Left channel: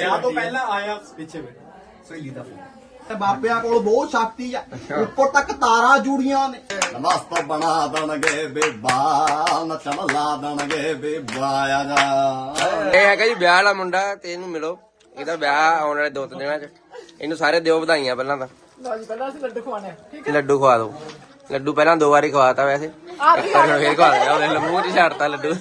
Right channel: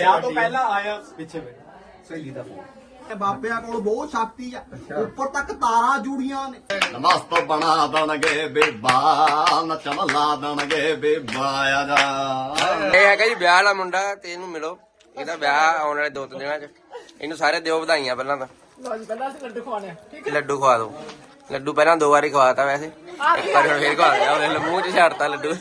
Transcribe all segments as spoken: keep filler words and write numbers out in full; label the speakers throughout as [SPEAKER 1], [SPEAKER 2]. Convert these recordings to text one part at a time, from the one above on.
[SPEAKER 1] ਵਿਆਹ ਤੋਂ ਪਹਿਲਾਂ ਆਇਆ ਪਿੱਛੇ ਸਹੇਲੀ ਦਾ ਫੋਨ। ਬਾਬਿਆਂ ਕੋਲ ਬਹੁਤ ਸ਼ਕਤੀ ਆ, ਉੱਪਰ ਤੱਕ ਤਾਰਾਂ ਜੁੜੀਆਂ ਨੇ।
[SPEAKER 2] ਮਸਤ ਬਣਾ ਦੇਣਗੇ ਬੇਬਾ, ਨੱਚਣ ਲਾ ਦੇਣਗੇ ਬੇਬਾ ਆ ਜਾ।
[SPEAKER 3] ਇਹ ਹੈਗਾ ਜੀ ਵਿਆਹ ਵਾਲਾ ਮੁੰਡਾ ਤੇ ਇਹਨੂੰ ਮਿਲੋ। ਇਹਦਾ ਵਿਆਹ ਆਉਣ ਵਾਲੇ ਦੋ ਤਿੰਨ ਦਿਨਾਂ ਚ। ਇਹਨੂੰ ਸਾਰੇ ਦਿਓ ਵਧਾਈਆਂ ਪਹਿਲਾਂ ਤਾਂ।
[SPEAKER 4] ਲੱਡੂ ਖਵਾਣੇ
[SPEAKER 3] ਲੱਡੂ ਖਵਾ ਦੋ। ਲੱਡੂ ਪਹਿਲਾਂ ਦੋ ਵਾਰੀ ਖਵਾਤਾ ਵੈਸੇ, ਪਰ ਹੁਣ ਫੇਰ ਖਵਾ ਦਿਆ। ਉਹਨੇ ਮੂੰਹ ਚ ਛੱਡਤਾ ਲੱਡੂ।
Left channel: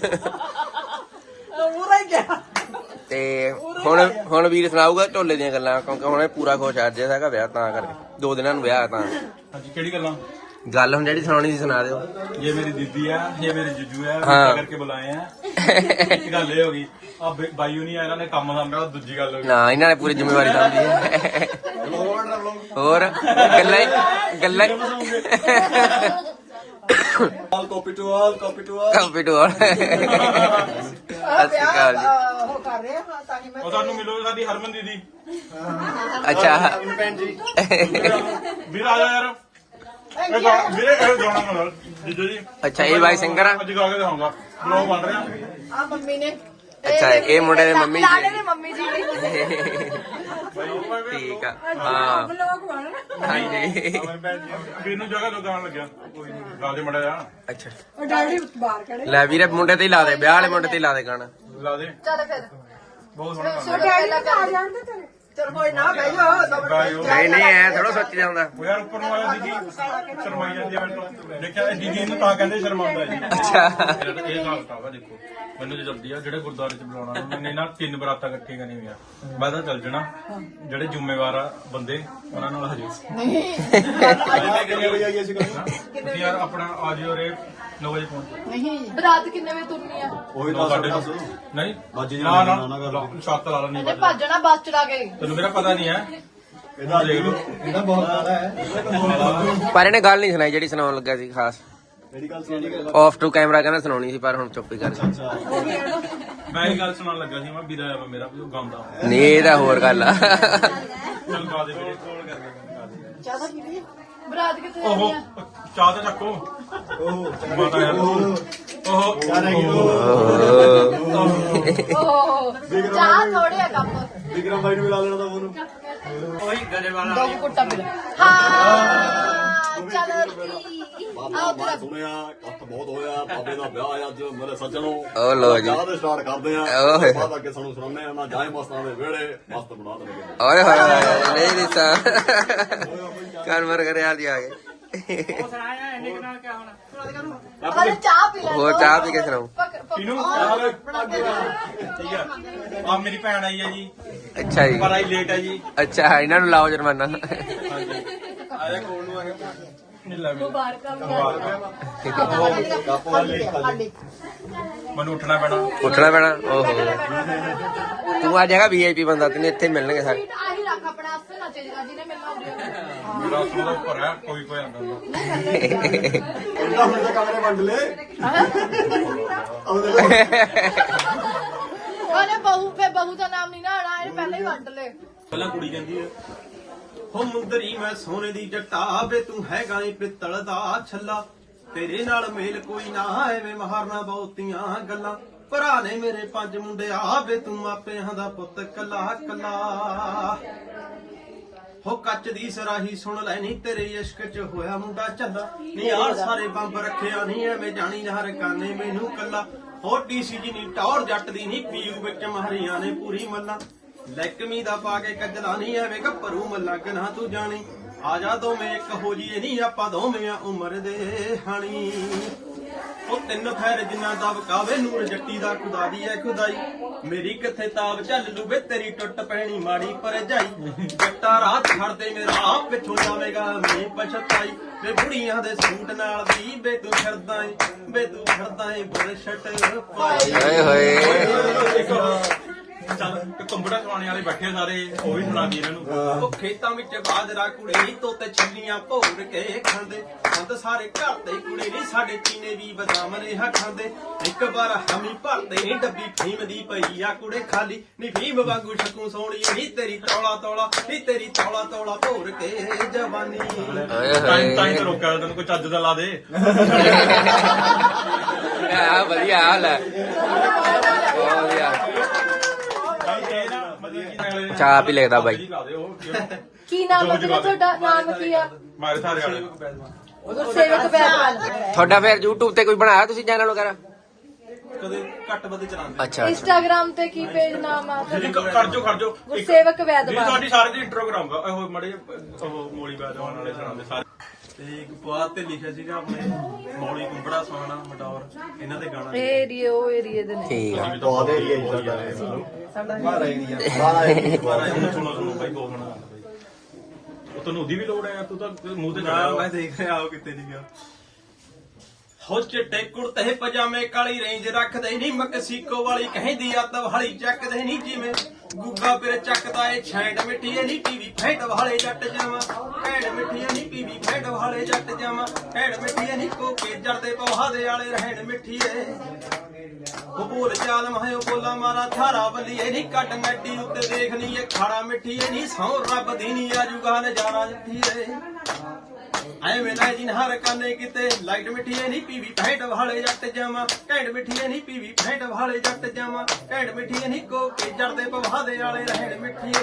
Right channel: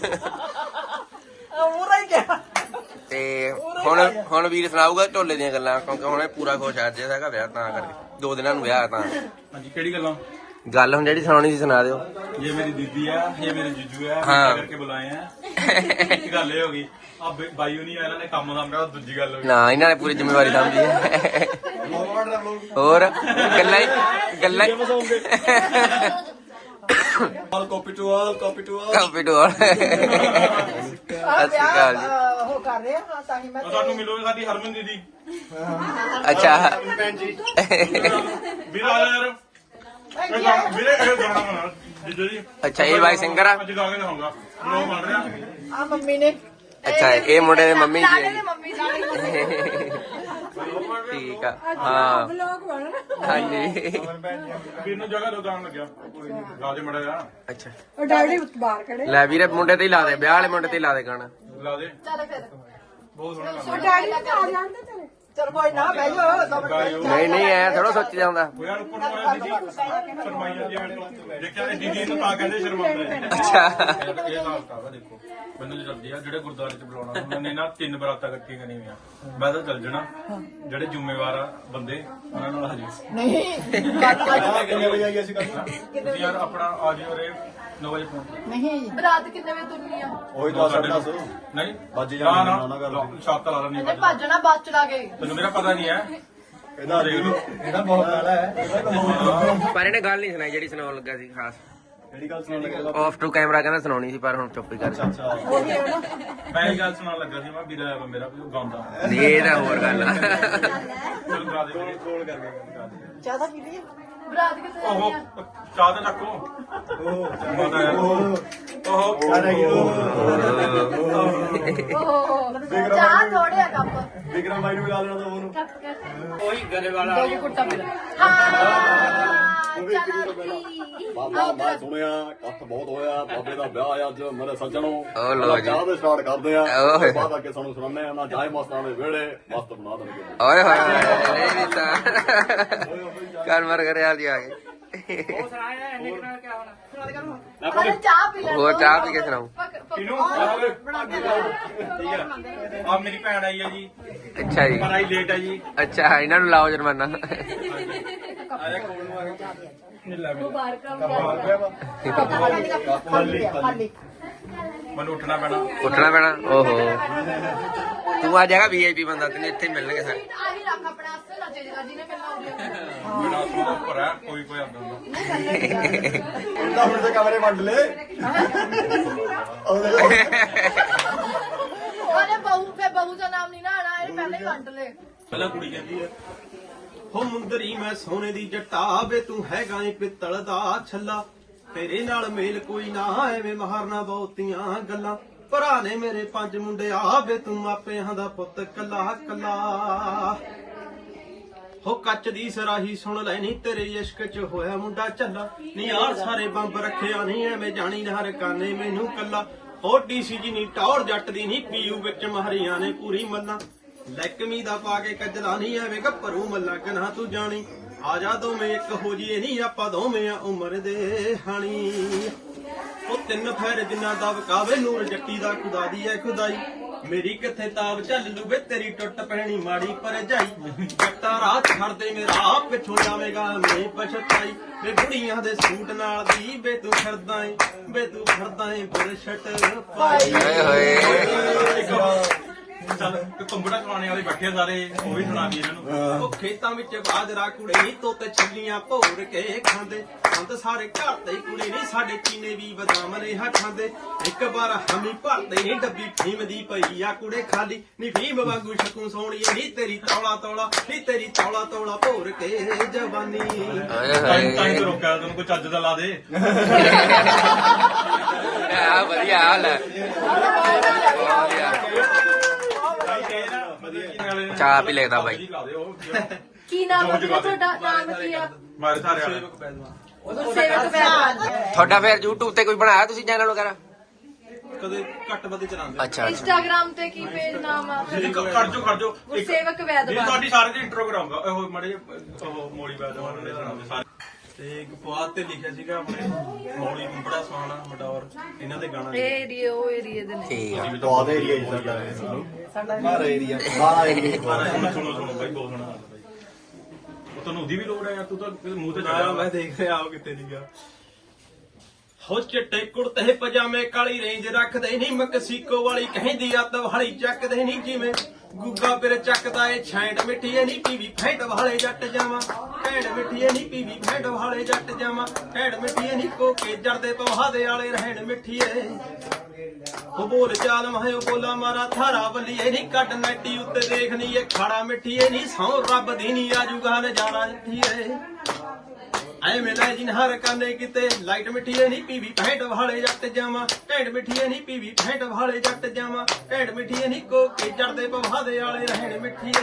[SPEAKER 3] ਤੇ ਹੁਣ ਹੁਣ ਵੀਰ ਸੁਣਾਊਗਾ ਢੋਲੇ ਦੀਆਂ ਗੱਲਾਂ, ਕਿਉਂਕਿ ਹੁਣ ਇਹ ਪੂਰਾ ਖੁਸ਼ ਅੱਜ ਹੈਗਾ ਵਿਆਹ, ਤਾਂ ਕਰਕੇ ਦੋ ਦਿਨਾਂ ਨੂੰ ਵਿਆਹ ਤਾਂ।
[SPEAKER 5] ਹਾਂਜੀ ਕਿਹੜੀ ਗੱਲਾਂ?
[SPEAKER 3] ਗੱਲ ਹੁਣ ਜਿਹੜੀ ਸੁਣਾਉਣੀ ਸੀ ਸੁਣਾ ਦਿਓ।
[SPEAKER 5] ਇਹ ਮੇਰੀ ਦੀਦੀ ਆ, ਇਹ ਮੇਰੇ ਜੁਜੂ ਆ,
[SPEAKER 3] ਹਾਂ
[SPEAKER 5] ਕਰਕੇ ਬੁਲਾਏ ਆ। ਇੱਕ ਗੱਲ ਇਹ ਹੋ ਗਈ ਆ ਬਾਈ ਨਹੀਂ ਆ, ਇਹਨਾਂ ਨੇ ਕੰਮ ਸਾਂਭਿਆ। ਦੂਜੀ ਗੱਲ ਹੋ ਗਈ
[SPEAKER 3] ਨਾ ਇਹਨਾਂ ਨੇ ਪੂਰੀ ਜ਼ਿੰਮੇਵਾਰੀ ਸਮਝੀ ਹੈ। ਹੋਰ ਗੱਲਾਂ ਗੱਲਾਂ
[SPEAKER 2] copy to all, copy to all,
[SPEAKER 3] copy to all. ਸਤਿ ਸ਼੍ਰੀ ਅਕਾਲ ਜੀ।
[SPEAKER 5] ਉਹ ਸਾਨੂੰ ਮਿਲੋ ਸਾਡੀ ਹਰਮਨ ਦੀਦੀ।
[SPEAKER 3] ਅੱਛਾ
[SPEAKER 2] ਭੈਣ ਜੀ
[SPEAKER 5] ਵੀਰ ਆ ਜਾ ਯਾਰ। ਵੀਰੇ ਇਹ ਗਾਣਾ ਗਾਣਾ ਜੀਜੂ ਜੀ।
[SPEAKER 3] ਅੱਛਾ ਇਹ ਬਾਈ ਸਿੰਗਰ ਆ।
[SPEAKER 5] ਅੱਜ ਗਾ ਕੇ ਦਿਖਾਉਂਗਾ, ਲੋਕ ਬਣ ਰਹੇ
[SPEAKER 4] ਆ ਮੰਮੀ ਨੇ।
[SPEAKER 3] ਅੱਛਾ ਇਹ ਮੁੰਡੇ ਦੇ ਮੰਮੀ ਜੀ ਹੈ ਜੀ।
[SPEAKER 4] ਮੰਮੀ ਜੀ
[SPEAKER 3] ਠੀਕ ਆ ਹਾਂ
[SPEAKER 4] ਲੋਕ ਬਣ।
[SPEAKER 3] ਹਾਂਜੀ।
[SPEAKER 5] ਵੀਰ ਨੂੰ ਜਗ੍ਹਾ ਤੋਂ ਗਾਣ ਲੱਗਿਆ ਗਾ ਦੇ ਮੜਾ ਜਾ।
[SPEAKER 3] ਅੱਛਾ
[SPEAKER 4] ਉਹ ਡੈਡੀ ਬਾਹਰ ਖੜੇ।
[SPEAKER 3] ਲੈ ਵੀਰੇ ਮੁੰਡੇ ਤੇ ਹੀ ਲਾ ਦੇ, ਵਿਆਹ ਵਾਲੇ ਮੁੰਡੇ ਤੇ ਹੀ ਲਾ ਦੇ ਗਾਣਾ।
[SPEAKER 5] ਲਾ ਦੇ।
[SPEAKER 4] ਚੱਲ ਫਿਰ
[SPEAKER 5] ਬਹੁਤ ਸੋਹਣਾ
[SPEAKER 4] ਸੋ ਡੈਡੀ ਨੂੰ ਆ ਜਾਂਦੇ ਤੇਰੇ। ਚਲ ਕੋਈ ਨਾ ਬਹਿ ਜਾ।
[SPEAKER 3] ਨਹੀਂ ਨਹੀਂ ਐ ਥੋੜਾ ਸੋਚੀਦਾ ਹੁੰਦਾ।
[SPEAKER 5] ਉਹ ਯਾਰ ਉੱਪਰ ਨੂੰ ਆਇਆ ਦੀਦੀ ਸ਼ਰਮਾਈ ਜਾਂਦੀ ਆ ਮੈਨੂੰ। ਦੇਖਿਆ ਦੀਦੀ ਨੂੰ ਤਾਂ ਕਹਿੰਦੇ ਸ਼ਰਮਾਉਂਦਾ ਜੀ।
[SPEAKER 3] ਅੱਛਾ
[SPEAKER 5] ਇਹ ਹਾਲ ਵਾ ਦੇਖੋ ਮੈਨੂੰ ਜੇ ਜਲਦੀ ਆ ਜਿਹੜੇ ਗੁਰਦੁਆਰੇ ਚ ਬੁਲਾਉਣਾ ਉਹਨੇ ਨਾ ਤਿੰਨ ਬਰਾਤਾਂ ਇਕੱਠੇ ਕਰਨੇ ਆ। ਮੈਂ ਤਾਂ ਚੱਲ ਜਾਣਾ, ਜਿਹੜੇ ਜ਼ਿੰਮੇਵਾਰ ਆ ਬੰਦੇ ਉਹਨਾਂ ਨੂੰ ਹਜੇ
[SPEAKER 4] ਨਹੀਂ
[SPEAKER 5] ਤੁਸੀਂ ਯਾਰ ਆਪਣਾ ਆ ਜਿਓ ਰੇ ਨੌ ਵਜੇ ਪਹੁੰਚ।
[SPEAKER 4] ਨਹੀਂ ਬਰਾਤ ਕਿੰਨੇ ਵਜੇ ਤੁਰਨੀ ਆ?
[SPEAKER 2] ਉਹੀ ਤਾਂ ਸਾਡੇ ਪਾਸ
[SPEAKER 5] ਨਹੀਂ
[SPEAKER 2] ਵੱਜ
[SPEAKER 5] ਨਾ
[SPEAKER 2] ਜਾਣਾ
[SPEAKER 5] ਨਾ ਸ਼ੱਕ ਲਾ ਲੈਣੀ
[SPEAKER 4] ਤੇ ਭੱਜਣਾ ਬੱਸ ਚੜਾ ਕੇ।
[SPEAKER 5] ਤੈਨੂੰ ਮੇਰਾ ਪਤਾ ਨਹੀਂ ਹੈ।
[SPEAKER 2] ਇਹਦਾ ਇਹਦਾ ਬਹੁਤ ਜ਼ਿਆਦਾ ਹੈ। ਇਹਦਾ ਤਾਂ
[SPEAKER 3] ਪਰ ਇਹਨੇ ਗੱਲ ਨਹੀਂ ਸੁਣਾਈ ਜਿਹੜੀ ਸੁਣਾਉਣ ਲੱਗਾ ਸੀ ਖਾਸ।
[SPEAKER 2] ਕਿਹੜੀ ਗੱਲ ਸੁਣੀ?
[SPEAKER 3] ਆਫ ਟੂ ਕੈਮਰਾ ਕਹਿੰਦਾ ਸੁਣਾਉਣੀ ਸੀ, ਪਰ ਹੁਣ ਚੁੱਪ ਹੀ ਕਰ ਗਿਆ।
[SPEAKER 5] ਮੈਂ ਇਹ ਗੱਲ ਸੁਣਾਉਣ ਲੱਗਾ ਸੀ, ਮੈਂ ਵੀਰਾ ਆ ਮੇਰਾ ਵੀ ਉਹ ਗਾਉਂਦਾ।
[SPEAKER 3] ਨਹੀਂ ਇਹ ਤਾਂ ਹੋਰ ਗੱਲ ਆ।
[SPEAKER 5] ਚੱਲ ਗਾ ਦੇ ਕੋਲ ਕਰਕੇ
[SPEAKER 4] ਜ਼ਿਆਦਾ ਕੀ ਬਰਾਤ ਕਿੱਥੇ ਜਾਣੀ ਆ?
[SPEAKER 5] ਉਹ ਚਾਹ ਤੇ ਚੱਕੋ।
[SPEAKER 2] ਉਹ
[SPEAKER 5] ਪਤਾ ਯਾਰ ਉਹ
[SPEAKER 2] ਸਾਰੇ
[SPEAKER 4] ਓਹ ਚਾਹ ਥੋੜੇ ਆ ਕੱਪ।
[SPEAKER 2] ਵਿਕਰਮ ਭਾਈ ਨੂੰ ਮਿਲਾ ਲੈਣਾ ਤਾਂ ਉਹਨੂੰ।
[SPEAKER 5] ਉਹੀ ਗਰੇ ਵਾਲਾ
[SPEAKER 4] ਹਾਂ ਚਲੋ
[SPEAKER 2] ਬਾਬਾ ਮੈਂ ਸੁਣਿਆ ਇਕੱਠ ਬਹੁਤ ਹੋਇਆ, ਬਾਬੇ ਦਾ ਵਿਆਹ ਅੱਜ ਮੇਰੇ ਸੱਜਣੋਂ।
[SPEAKER 3] ਓ ਲੋ ਜੀ
[SPEAKER 2] ਚਾਹ ਦੇ ਸਟਾਰਟ ਕਰਦੇ ਆ,
[SPEAKER 3] ਓਏ।
[SPEAKER 2] ਬਾਅਦ ਅੱਗੇ ਸਾਨੂੰ ਸੁਣਾਉਂਦੇ ਆ ਨਾ ਜਾਏ ਮਸਤਾਂ ਦੇ ਵਿਹੜੇ ਮਸਤ ਬਣਾ ਦੇਣਗੇ।
[SPEAKER 3] ਓਏ ਹੋਏ ਹੋਏ ਨਹੀਂ ਵੀ ਤਾਂ ਕਰ ਮਰ ਕਰੇ ਆ ਆ ਗਏ।
[SPEAKER 4] ਅਰੇ ਚਾਹ ਪੀ ਲੈ।
[SPEAKER 3] ਹੋਰ ਚਾਹ ਪੀ ਕੇ ਸੁਣਾਓ।
[SPEAKER 5] ਕਿਨੂੰ ਆ ਮੇਰੀ ਭੈਣ ਆਈ ਹੈ ਜੀ,
[SPEAKER 3] ਅੱਛਾ ਜੀ
[SPEAKER 5] ਪਰ ਆਈ ਲੇਟ ਹੈ ਜੀ।
[SPEAKER 3] ਅੱਛਾ ਇਹਨਾਂ ਨੂੰ ਲਾਓ ਜੁਰਮਾਨਾ।
[SPEAKER 5] ਆਇਆ ਕੋਲ ਨੂੰ ਆ ਗਿਆ ਨਹੀਂ ਲੱਗ
[SPEAKER 4] ਬਾਹਰ ਕੰਮ
[SPEAKER 5] ਮੈਨੂੰ ਉੱਠਣਾ ਪੈਣਾ।
[SPEAKER 3] ਉੱਠਣਾ ਪੈਣਾ। ਓਹੋ ਤੂੰ ਅੱਜ ਹੈਗਾ ਵੀ ਆਈ ਪੀ ਬੰਦਾ, ਤੈਨੂੰ ਇੱਥੇ ਮਿਲਣਗੇ ਸਾਰੇ।
[SPEAKER 4] ਆਹੀ ਰੱਖ ਆਪਣਾ ਅਸਲ ਨਾ ਚੇਜਾ ਜਿਹਨੇ ਮਿਲਣਾ
[SPEAKER 5] ਮੇਰਾ ਉਹਦਾ ਉੱਪਰ ਹੈ, ਕੋਈ ਕੋਈ ਆਉਂਦਾ ਹੁੰਦਾ।
[SPEAKER 2] ਉਹਨਾਂ ਦੇ ਕਮਰੇ ਵੰਡ ਲੈ।
[SPEAKER 4] ਅਰੇ ਬਹੂ ਫੇ ਬਹੂ ਦਾ ਨਾਮ ਨਹੀਂ ਨਾ ਆਣਾ, ਇਹ ਪਹਿਲੇ ਹੀ ਵੰਡ ਲੈ।
[SPEAKER 5] ਪਹਿਲਾਂ ਕੁੜੀ ਕਹਿੰਦੀ ਹੈ
[SPEAKER 1] ਹੋ ਮੁੰਦਰੀ ਮੈਂ ਸੋਨੇ ਦੀ ਜੱਟਾ ਵੇ ਤੂੰ ਹੈਗਾ ਈ ਪਿੱਤਲ ਦਾ ਛੱਲਾ, ਤੇਰੇ ਨਾਲ ਮੇਲ ਕੋਈ ਨਾ ਐਵੇਂ ਮਾਰਨਾ ਬਹੁਤੀਆਂ ਗੱਲਾਂ, ਭਰਾ ਨੇ ਮੇਰੇ ਪੰਜ ਮੁੰਡੇ ਆ ਵੇ ਤੂੰ ਮਾਪਿਆਂ ਦਾ ਪੁੱਤ ਕੱਲਾ ਕੱਲਾ। ਹੋ ਕੱਚ ਦੀ ਸਰਾਹੀ ਸੁਣ ਲੈ ਨੀ ਤੇਰੇ ਇਸ਼ਕ ਚ ਹੋਇਆ ਮੁੰਡਾ ਝੱਲਾ, ਨੀ ਯਾਰ ਸਾਰੇ ਬੰਬ ਰੱਖਿਆ ਨਹੀਂ ਐਵੇਂ ਜਾਣੀ ਹਰ ਕਾਨੇ ਮੈਨੂੰ ਕੱਲਾ, ਹੋਰ ਡੀਸੀ ਜੀ ਨੀ ਟੌਰ ਜੱਟ ਦੀ ਨੀ ਪੀਯੂ ਵਿੱਚ ਮਾਰੀਆਂ ਨੇ ਪੂਰੀ ਮੱਲਾ, ਲੈਕਮੀ ਦਾ ਪਾ ਕੇ ਕੱਜਲਾ ਨਹੀਂ ਐਵੇਂ ਗੱਭਰੂ ਮੱਲਾ ਕਨਾ ਤੂੰ ਜਾਣੀ, ਆ ਜਾ ਦੋਵੇਂ ਇੱਕ ਹੋ ਜੀਏ ਨਹੀਂ ਆਪਾਂ ਦੋਵੇਂ ਆ ਉਮਰ ਦੇ ਹਾਣੀ। ਉਹ ਤਿੰਨ ਫੈਰ ਜਿੰਨਾ ਦਾ ਵਕਾਵੇ ਨੂਰ ਜੱਟੀ ਦਾ ਖੁਦਾ ਦੀ ਐ ਖੁਦਾਈ, ਮੇਰੀ ਕਿੱਥੇ ਤਾਬ ਚੱਲ ਲੂ ਵੇ ਤੇਰੀ ਟੁੱਟ ਪੈਣੀ ਮਾੜੀ ਪਰ ਜਾਈ, ਜੱਟਾ ਰਾਤ ਛੱਡਦੇ ਮੇਰਾ ਪਿੱਛੋਂ ਜਾਵੇਗਾ ਮੈਂ ਪਛਤਾਈ, ਵੇ ਬੁੜੀਆਂ ਦੇ ਸੂਟ ਨਾਲ ਦੀ ਵੇ ਤੂੰ ਫਿਰਦਾ ਏ ਵੇ ਤੂੰ ਫਿਰਦਾ ਏ ਬੁਰਸ਼ਟ ਪਾਈ।
[SPEAKER 3] ਓਏ ਹੋਏ
[SPEAKER 5] ਚੱਲ ਕੰਬੜਾ ਚਲਾਉਣੇ ਵਾਲੇ ਬੈਠੇ ਆ ਸਾਰੇ, ਉਹ ਵੀ ਸੁਣਾ ਦੀ ਇਹਨਾਂ ਨੂੰ।
[SPEAKER 1] ਉਹ ਖੇਤਾਂ ਵਿੱਚ ਬਾਜਰਾ ਕੁੜੇ ਤੋਤੇ ਛੱਲੀਆਂ ਭੋਰ ਕੇ ਖਾਂਦੇ, ਬੰਦ ਸਾਰੇ ਘਰ ਦੇ ਕੁੜੇ ਨੀ ਸਾਡੇ ਚੀਨੇ ਵੀ ਬਦਾਮ ਨੇ ਹਾ ਖਾਂਦੇ, ਇੱਕ ਵਾਰ ਹਮੀ ਭਰਦੇ ਨੀ ਡੱਬੀ ਫੀਮ ਦੀ ਪਈ ਆ ਕੁੜੇ ਖਾਲੀ, ਨੀ ਫੀਮ ਵਾਂਗੂ ਸ਼ਕੂ ਸੋਹਣੀ ਨੀ ਤੇਰੀ ਤੌਲਾ ਤੌਲਾ ਨੀ ਤੇਰੀ ਤੌਲਾ ਤੌਲਾ ਭੋਰ ਕੇ ਜਵਾਨੀ।
[SPEAKER 3] ਓਏ
[SPEAKER 5] ਟਾਈਮ ਟਾਈਮ ਤੇ
[SPEAKER 3] ਹੋਏ
[SPEAKER 5] ਰੋਕਿਆ ਤੈਨੂੰ ਕੋਈ ਚੱਜ ਦਾ ਲਾ ਦੇ।
[SPEAKER 3] ਆ ਵਧੀਆ ਹਾਲ ਹੈ ਬਹੁਤ ਵਧੀਆ।
[SPEAKER 1] ਵਧੀਆ
[SPEAKER 3] ਚਾਹ ਪੀ ਲੈਦਾ ਬਾਈ।
[SPEAKER 4] ਕੀ ਨਾਮ ਹੈ ਤੁਹਾਡਾ? ਨਾਮ ਕੀ ਆ?
[SPEAKER 5] ਮਾਰੇ ਸਾਰੇ ਵਾਲੇ
[SPEAKER 4] ਸੇਵਕ ਬੈਦ।
[SPEAKER 3] ਤੁਹਾਡਾ ਫਿਰ YouTube ਤੇ ਕੋਈ ਬਣਾਇਆ ਤੁਸੀਂ ਚੈਨਲ ਵਗੈਰਾ?
[SPEAKER 1] ਕਦੇ ਘੱਟ ਵੱਧ ਚਲਾਉਂਦੇ
[SPEAKER 5] ਅੱਛਾ
[SPEAKER 4] ਇੰਸਟਾਗ੍ਰਾਮ ਤੇ ਕੀ ਪੇਜ ਨਾਮ ਆ?
[SPEAKER 5] ਜੀ ਕਰ ਜੋ ਕਰ ਜੋ
[SPEAKER 4] ਸੇਵਕ ਵੈਦ।
[SPEAKER 5] ਜੀ ਤੁਹਾਡੀ ਸਾਰੇ ਦੀ ਇੰਟਰੋ ਕਰਾਉਂਗਾ ਉਹ ਮੜੇ ਉਹ ਮੋਲੀ ਬਾਦ ਵਾਲੇ ਸੁਣਾਉਂਦੇ ਸਾਰੇ।
[SPEAKER 1] ਤੇ ਇੱਕ ਪੁਆਧ ਤੇ ਲਿਖਿਆ ਸੀਗਾ ਆਪਣੇ ਮੌਲੀ ਕੁੰਬੜਾ ਸੋਹਣਾ ਮਟੌਰ ਇਹਨਾਂ ਦੇ ਗਾਣਾ
[SPEAKER 4] ਇਹ ਏਰੀਆ ਉਹ ਏਰੀਆ ਦੇ ਨੇ।
[SPEAKER 3] ਠੀਕ ਆ।
[SPEAKER 2] ਬਹੁਤ ਏਰੀਆ ਹੀ ਸਾਡਾ ਮਾਰਾ ਏਰੀਆ ਮਾਰਾ ਏਰੀਆ
[SPEAKER 5] ਸੁਣੋ ਸੁਣੋ ਸੁਣੋ ਬਾਈ ਦੋ ਸੁਣੋ ਤੁਹਾਨੂੰ ਉਹਦੀ ਵੀ ਲੋੜ ਹੈ ਯਾਰ ਤੂੰ ਤਾਂ ਮੂੰਹ ਤੇ
[SPEAKER 1] ਨਾ
[SPEAKER 5] ਚੜਾ
[SPEAKER 1] ਮੈਂ ਦੇਖ ਰਿਹਾ ਆਪ ਕਿਤੇ ਨਹੀਂ ਗਿਆ ਹੋ ਚਿੱਟੇ ਕੁੜਤੇ ਪਜਾਮੇ ਕਾਲੀ ਰੇਂਜ ਰੱਖਦੇ ਨਹੀਂ ਮਕਸੀਕੋ ਵਾਲੀ ਕਹਿੰਦੀ ਅੱਤ ਵਾਲੀ ਚੱਕਦੇ ਨਹੀਂ ਜਿਵੇਂ ਗੁੱਗਾ ਫਿਰ ਚੱਕਦਾ ਏ ਛੈਂਡ ਮਿੱਠੀਏ ਨਹੀਂ ਪੀਵੀ ਫੈਂਟ ਵਾਲੇ ਜੱਟ ਜਾਵਾਂ ਭੈਣ ਮਿੱਠੀਏ ਨਹੀਂ ਪੀਵੀ ਫੈਂਟ ਵਾਲੇ ਜੱਟ ਜਾਵਾਂ ਭੈਣ ਮਿੱਠੀਏ ਨਹੀਂ ਕੋਕੇ ਜੜਦੇ ਪਵਾਦੇ ਵਾਲੇ ਰਹਿਣ ਮਿੱਠੀਏ ਉਹ ਬੋਲ ਚਾਲ ਮਾਇਓ ਬੋਲਾ ਮਾਰਾ ਥਾਰਾ ਬੱਲੀਏ ਨਹੀਂ ਕੱਟ ਨੈਟੀ ਉੱਤੇ ਦੇਖਣੀ ਏ ਖਾੜਾ ਮਿੱਠੀਏ ਨਹੀਂ ਸੌ ਰੱਬ ਦੀ ਨਹੀਂ ਆਜੂਗਾ ਨਜ਼ਾਰਾ ਮਿੱਠੀਏ ਐ ਮਿਲਾ ਜਿਨ ਹਰ ਕਾਨੇ ਕਿਤੇ ਲਾਈਟ ਮਿੱਠੀਏ ਨਹੀਂ ਪੀਵੀ ਫੈਂਟ ਵਾਲੇ ਜੱਟ ਜਾਵਾਂ ਘੈਂਟ ਮਿੱਠੀਏ ਨਹੀਂ ਪੀਵੀ ਫੈਂਟ ਵਾਲੇ ਜੱਟ ਜਾਵਾਂ ਘੈਂਟ ਮਿੱਠੀਏ ਨਹੀਂ ਕੋਕੇ ਜੜਦੇ ਪਵਾਦੇ ਵਾਲੇ ਰਹਿਣ ਮਿੱਠੀਏ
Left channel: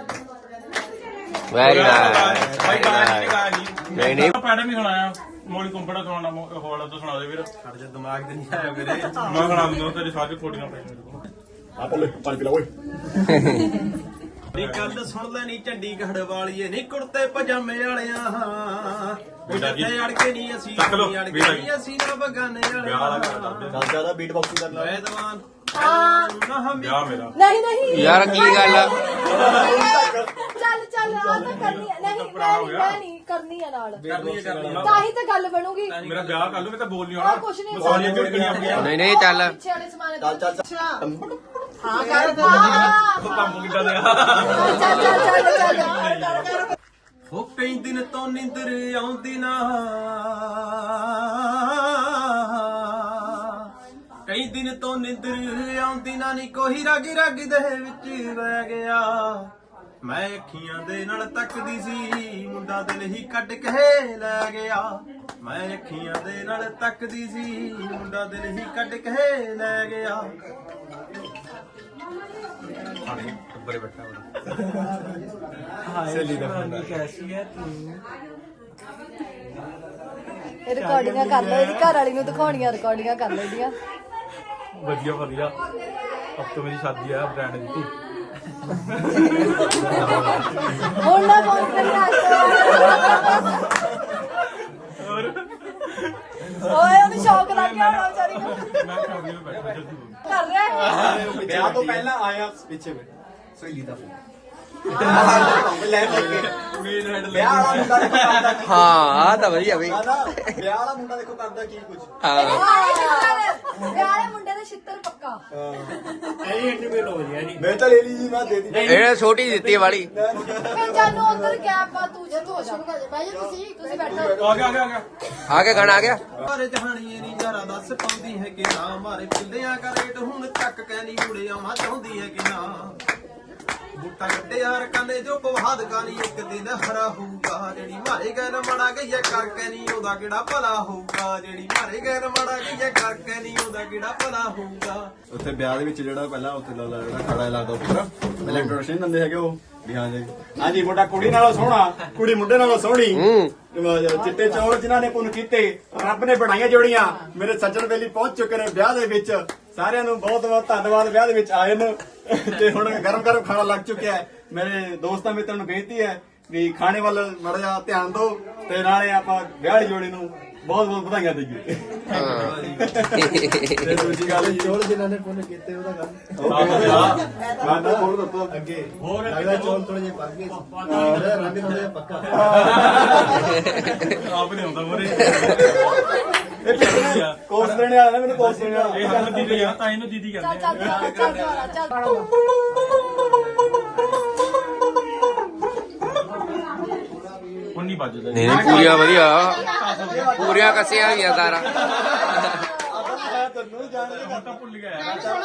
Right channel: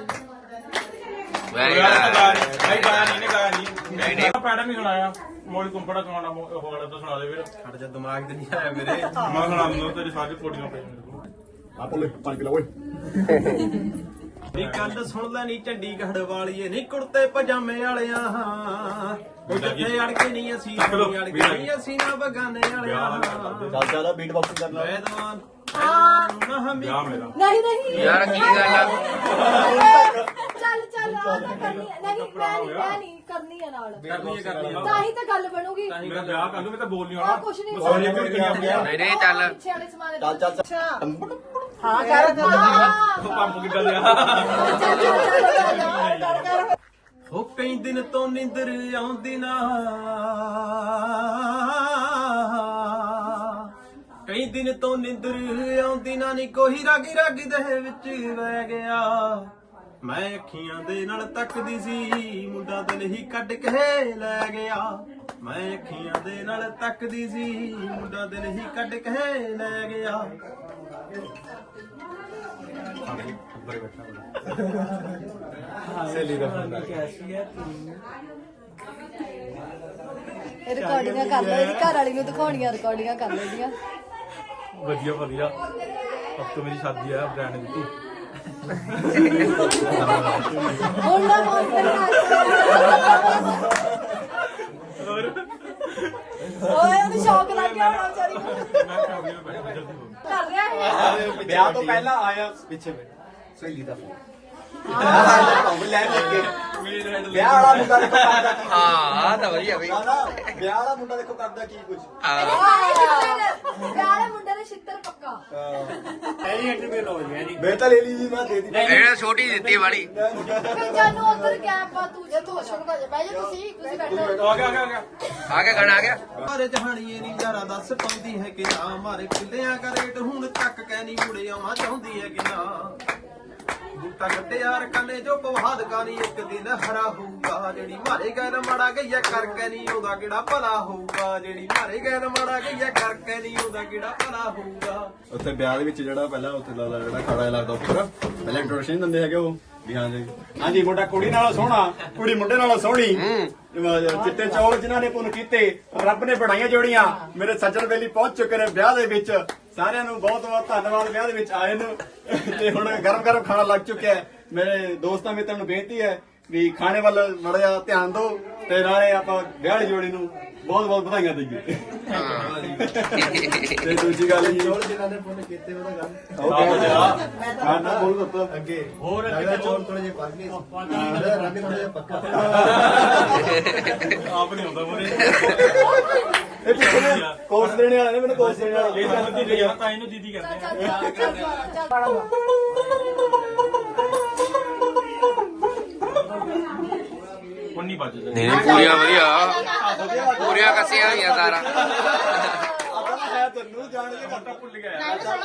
[SPEAKER 3] ਵੈਰੀ
[SPEAKER 5] ਭਾਈ ਗਾਣਾ
[SPEAKER 3] ਨਾਈਸ।
[SPEAKER 5] ਨਹੀਂ ਗਾਇਆ ਨਹੀਂ ਨਹੀਂ ਪੈਂਡ ਵੀ ਸੁਣਾਇਆ ਮੋਲੀ ਕੁੰਪੜਾ ਸੁਣਾਉਣਾ ਹੋਲਾ ਤੋਂ ਸੁਣਾ ਦੇ ਵੀਰ
[SPEAKER 1] ਛੱਡ ਜਾ ਦਿਮਾਗ ਤੇ ਨਹੀਂ ਆਇਆ ਮੇਰੇ
[SPEAKER 5] ਮੈਂ ਸੁਣਾ ਦਿੰਦਾ ਤੇਰੀ ਸਾਰੀ ਕੋਡੀਆਂ ਪੜੀਆਂ ਮੇਰੇ ਕੋਲ
[SPEAKER 2] ਆਪੋ ਲੈ ਪਾਣੀ ਪੀ ਲਾ ਓਏ
[SPEAKER 1] ਨੀ ਗੱਲ ਸੁਣ ਲੈ ਨੀ ਚੰਡੀਗੜ੍ਹ ਵਾਲੀਏ ਨੀ ਕੁੜਤੇ ਪਜਾਮੇ ਵਾਲਿਆਂ ਉਹ ਜਿੱਥੇ ਅੜ ਕੇ ਨਹੀਂ ਅਸੀਂ ਨਹੀਂ ਅੜ ਕੇ ਨਹੀਂ ਅਸੀਂ ਨਾ ਬਗਾਨੇ ਵਾਲਿਆਂ
[SPEAKER 2] ਦਾਦਾ ਦਾ ਬੀਟ ਬਾਕਸਿੰਗ ਕਰਨਾ
[SPEAKER 1] ਵੈਦਵਾਨ ਵੈਦਵਾਨ ਨੂੰ ਨਾ ਹਮੀ
[SPEAKER 5] ਵਿਆਹ ਮੇਰਾ
[SPEAKER 4] ਨਹੀਂ ਨਹੀਂ
[SPEAKER 3] ਯਾਰ ਕੀ ਗੱਲ ਆ?
[SPEAKER 4] ਚੱਲ ਚੱਲ ਆ ਤਾਂ ਕਰਨੀ ਹੈ। ਨਹੀਂ ਮੈਂ ਨਹੀਂ ਮੈਂ ਨਹੀਂ ਕਰਨੀ ਹੈ ਨਾਲ
[SPEAKER 1] ਕਰਨੀ ਹੈ ਕਰਨੀ ਹੈ
[SPEAKER 4] ਤਾਂ ਹੀ ਤਾਂ ਗੱਲ ਬਣੂਗੀ।
[SPEAKER 5] ਮੇਰਾ ਵਿਆਹ ਕਰ ਲੂ ਮੈਂ ਤਾਂ ਬੋਲ ਨਹੀਂ
[SPEAKER 4] ਉਹ
[SPEAKER 5] ਆਉਣਾ
[SPEAKER 4] ਕੁਛ ਨਹੀਂ
[SPEAKER 5] ਸਾਰੀਆਂ ਝੜਕਣੀਆਂ ਆਪਣੀਆਂ
[SPEAKER 3] ਨਹੀਂ ਨਹੀਂ ਚੱਲ
[SPEAKER 4] ਪਿੱਛੇ ਵਾਲੇ ਸਮਾਨ
[SPEAKER 2] ਚੱਲ ਚੱਲ ਚੱਲ
[SPEAKER 4] ਹਾਂ ਕਰ ਹਾਂ
[SPEAKER 5] ਉਹ ਕੰਮ ਕਿੱਦਾਂ ਦਿਆ
[SPEAKER 4] ਚੱਲ ਚੱਲ ਚੱਲ ਚੱਲ
[SPEAKER 1] ਹੋ ਕਈ ਦਿਨ ਤੋਂ ਨਿੰਦਰ ਆਉਂਦੀ ਨਾ ਕਈ ਦਿਨ ਤੋਂ ਨਿੰਦਰ ਆਉਂਦੀ ਨਾ ਨੀ ਕੋਈ ਰਗ ਰਗ ਦੇ ਵਿੱਚ ਵਹਿ ਗਿਆ ਮੈਂ ਅੱਖੀਆਂ ਦੇ ਨਾਲ ਤੱਕਦੀ ਸੀ ਮੁੰਡਾ ਦਿਲ ਹੀ ਕੱਢ ਕੇ ਲੈ ਗਿਆ ਮੈਂ ਅੱਖੀਆਂ ਦੇ ਨਾਲ ਤੱਕਦੀ ਸੀ ਮੁੰਡਾ ਦਿਲ ਹੀ ਕੱਢ ਕੇ ਲੈ ਗਿਆ
[SPEAKER 5] ਟੱਬਰੇ ਬੈਠਾ
[SPEAKER 4] ਇਹ ਰਿਕਾਰਡਿੰਗਾਂ ਕਰ ਲਓ ਇਹਦੀ ਘਰ ਵਾਲੀ ਨੂੰ ਦਿਖਾਉਣੀਆਂ ਰਿਕਾਰਡਿੰਗਾਂ ਕਰ ਲੈਂਦੀਆਂ
[SPEAKER 5] ਵਧੀਆ ਵਧੀਆ ਅਬ ਤੋਂ ਮੇਰੀ ਸ਼ਾਦੀ ਹੈ ਬ੍ਰਾਂਡ ਦੀ ਤੂੰ
[SPEAKER 4] ਹੁਣ ਨਾ ਫੋਨ ਤੇ ਓਏ ਉਹਨੂੰ ਸ਼ੌਕ ਲੱਗ ਗਿਆ ਹੋਣਾ ਵਿਚਾਰੀ ਨੂੰ
[SPEAKER 5] ਮੈਂ ਕਰ ਰਿਹਾ ਬੈਠਾ ਜਲਦੀ ਬੋਲ
[SPEAKER 4] ਕਰ ਰਿਹਾ ਹੈ
[SPEAKER 2] ਵਿਆਹ ਤੋਂ ਪਹਿਲਾਂ ਆਇਆ ਪਿੱਛੇ ਮੈਂ ਸਹੇਲੀ ਦਾ ਫੋਨ ਲੈ ਲੱਗੇ ਵਿਆਹ ਵਾਲਾ ਮੁੰਡਾ ਦੇਖੋ ਕਰਦਾ ਕੀ
[SPEAKER 3] ਹਾਂ ਤਾਂ ਵਧੀਆ ਬਈ।
[SPEAKER 2] ਵਿਆਹ ਵਾਲਾ ਮੁੰਡਾ ਦੇਖੋ ਕਰਦਾ ਕੀ ਕੁਝ
[SPEAKER 3] ਹਾਂ
[SPEAKER 4] ਵਿਆਹ ਮੁੰਡੇ ਦੇ ਛਿੱਤਰ ਪੱਕਾ
[SPEAKER 2] ਮੈਂ ਤਾਂ ਲੈ ਲਈ ਜੀ ਮੈਂ ਦੇ ਦੀ
[SPEAKER 3] ਇਹਨੇ ਛੋਟੀ ਦਿੱਤੀ ਵਾਲੀ।
[SPEAKER 4] ਫਿਰ ਜਾਨੂੰ ਅੰਦਰ ਗਿਆ ਪਾ ਤੂੰ ਜੇ ਤੂੰ ਸ਼ੁਰੂ ਕਰ ਬੈ ਜਾ ਤੁਸੀਂ ਤੁਸੀਂ ਬੈਠੋ
[SPEAKER 5] ਆ ਗਿਆ ਆ ਗਿਆ ਆ ਗਿਆ
[SPEAKER 3] ਆ ਕੇ ਗਾਣਾ ਆ ਗਿਆ।
[SPEAKER 1] ਮਾਰੇ ਜਹਾਨੀਏ ਨੀ ਯਾਰਾ ਦੱਸ ਪਾਉਂਦੀ ਹੈ ਕਿ ਨਾ ਮਾਰੇ ਕਿੱਲਿਆਂ ਦਾ ਰੇਟ ਹੁਣ ਤੱਕ ਕਹਿ ਮੁੜੇ ਆਉਣਾ ਚਾਹੁੰਦੀ ਹੈ ਕਿ ਨਾ ਬੂਟਾ ਕੱਢੇ ਯਾਰ ਕਾਨੇ ਜੋ ਪਵਾਦ ਕਾਨੀ ਇੱਕ ਦਿਨ ਹਰਾ ਹੋਊਗਾ ਜਿਹੜੀ ਮਾਰੇ ਗੈਰ ਮੜਾ ਗਈਆ ਕਰਕੇ ਨਹੀਂ ਉਹਦਾ ਕਿਹੜਾ ਭਲਾ ਹੋਊਗਾ ਜਿਹੜੀ ਮਾਰੇ ਗੈਰ ਮੜਾ ਗਈਆ ਕਰਕੇ ਨਹੀਂ ਉਹਦਾ ਕਿਹੜਾ ਭਲਾ ਹੋਊਗਾ
[SPEAKER 2] ਉੱਥੇ ਵਿਆਹ ਦੇ ਵਿੱਚ ਜਿਹੜਾ ਪਹਿਲਾਂ ਉੱਥੇ ਲਾ ਜਿਹੜਾ ਖੜਾ ਲੱਗਦਾ ਉੱਪਰ ਪਹਿਲਾਂ ਇੰਟਰੋਡਕਸ਼ਨ ਦਿੰਦੇ ਹੈਗੇ ਉਹ ਵੀ ਹਾਂ ਜੀ ਹਾਂਜੀ ਮੁੰਡਾ ਕੁੜੀ ਨਾਲੋਂ ਸੋਹਣਾ ਕੁੜੀ ਮੁੰਡੇ ਨਾਲੋਂ ਸੋਹਣੀ ਅਹ ਚਿੱਟੇ ਚੌਲ ਜਿਨ੍ਹਾਂ ਨੇ ਪੁੰਨ ਕੀਤੇ ਰੱਬ ਨੇ ਬਣਾਈਆਂ ਜੋੜੀਆਂ ਮੇਰੇ ਸੱਜਣ ਵੇਲੀ ਪਹੁੰਚ ਚੁੱਕੇ ਨੇ ਵਿਆਹ ਦੇ ਵਿੱਚ ਸਾਰਿਆਂ ਨੂੰ ਬਹੁਤ ਬਹੁਤ ਧੰਨਵਾਦ ਵਿਆਹ ਦੇ ਵਿੱਚ ਆਏ ਨੂੰ ਤੇ ਹੁਣ ਗਰਮ ਗਰਮ ਖਾਣਾ ਲੱਗ ਚੁੱਕਿਆ ਹੈ ਮੇਰੇ ਦੋਸਤਾਂ ਮਿੱਤਰਾਂ ਨੂੰ ਬੇਨਤੀ ਹੈ ਵੀ ਖਾਣੇ ਵੱਲ ਮਾੜਾ ਜਿਹਾ ਧਿਆਨ ਦਿਓ ਤੇ ਨਾਲੇ ਆਪਾਂ ਵਿਆਹ ਵਾਲੀ ਜੋੜੀ ਨੂੰ ਬਹੁਤ ਬਹੁਤ ਵਧਾਈਆਂ ਦਈਏ ਤੇ ਦੂਜੀ ਗੱਲ ਜੀ ਹੋਰ ਜਿਨ੍ਹਾਂ ਨੇ ਪੁੰਨ ਕੀਤੇ ਉਹਦਾ ਕੰਮ ਹਾਂ ਨਾ ਬੋਲ ਦੱਸੋ ਅੱਗੇ ਹੋਰ ਲੱਗਦਾ ਚੌਲ ਥੋੜੇ ਜਿਹੇ ਪੱਕ ਗਏ ਰੰਗ ਥੋੜਾ ਜਿਹਾ ਪੱਕਾ
[SPEAKER 5] ਆਪ ਨਹੀਂ ਹੁੰਦਾ ਮੋਰੇ
[SPEAKER 2] ਇਹ ਪਿੱਛੇ ਕੋਰਸ ਦੇਣੇ ਵਾਲਾ ਨੇ ਮੈਨੂੰ ਕੋਰਸ ਦੇਣੇ ਵਾਲਾ
[SPEAKER 5] ਇਹ ਤਾਂ ਦੀਦੀ ਆ ਤਾਂ ਇਹਨੂੰ ਦੀਦੀ
[SPEAKER 4] ਚੱਲ
[SPEAKER 5] ਕਹਿੰਦੇ ਆ
[SPEAKER 4] ਚੱਲ ਚੱਲ ਚੱਲ ਚੱਲ
[SPEAKER 5] ਹੁਣ ਨਹੀਂ ਵੱਜਦੇ
[SPEAKER 3] ਨਹੀਂ ਪੂਰੀਆਂ ਵਧੀਆ ਪੂਰੀਆਂ ਕੱਸੀਆਂ ਹੋਈਆਂ ਸਾਰਾ।
[SPEAKER 2] ਤੈਨੂੰ ਜਾਣ ਕੇ
[SPEAKER 5] ਤਾਂ ਭੁੱਲ ਗਿਆ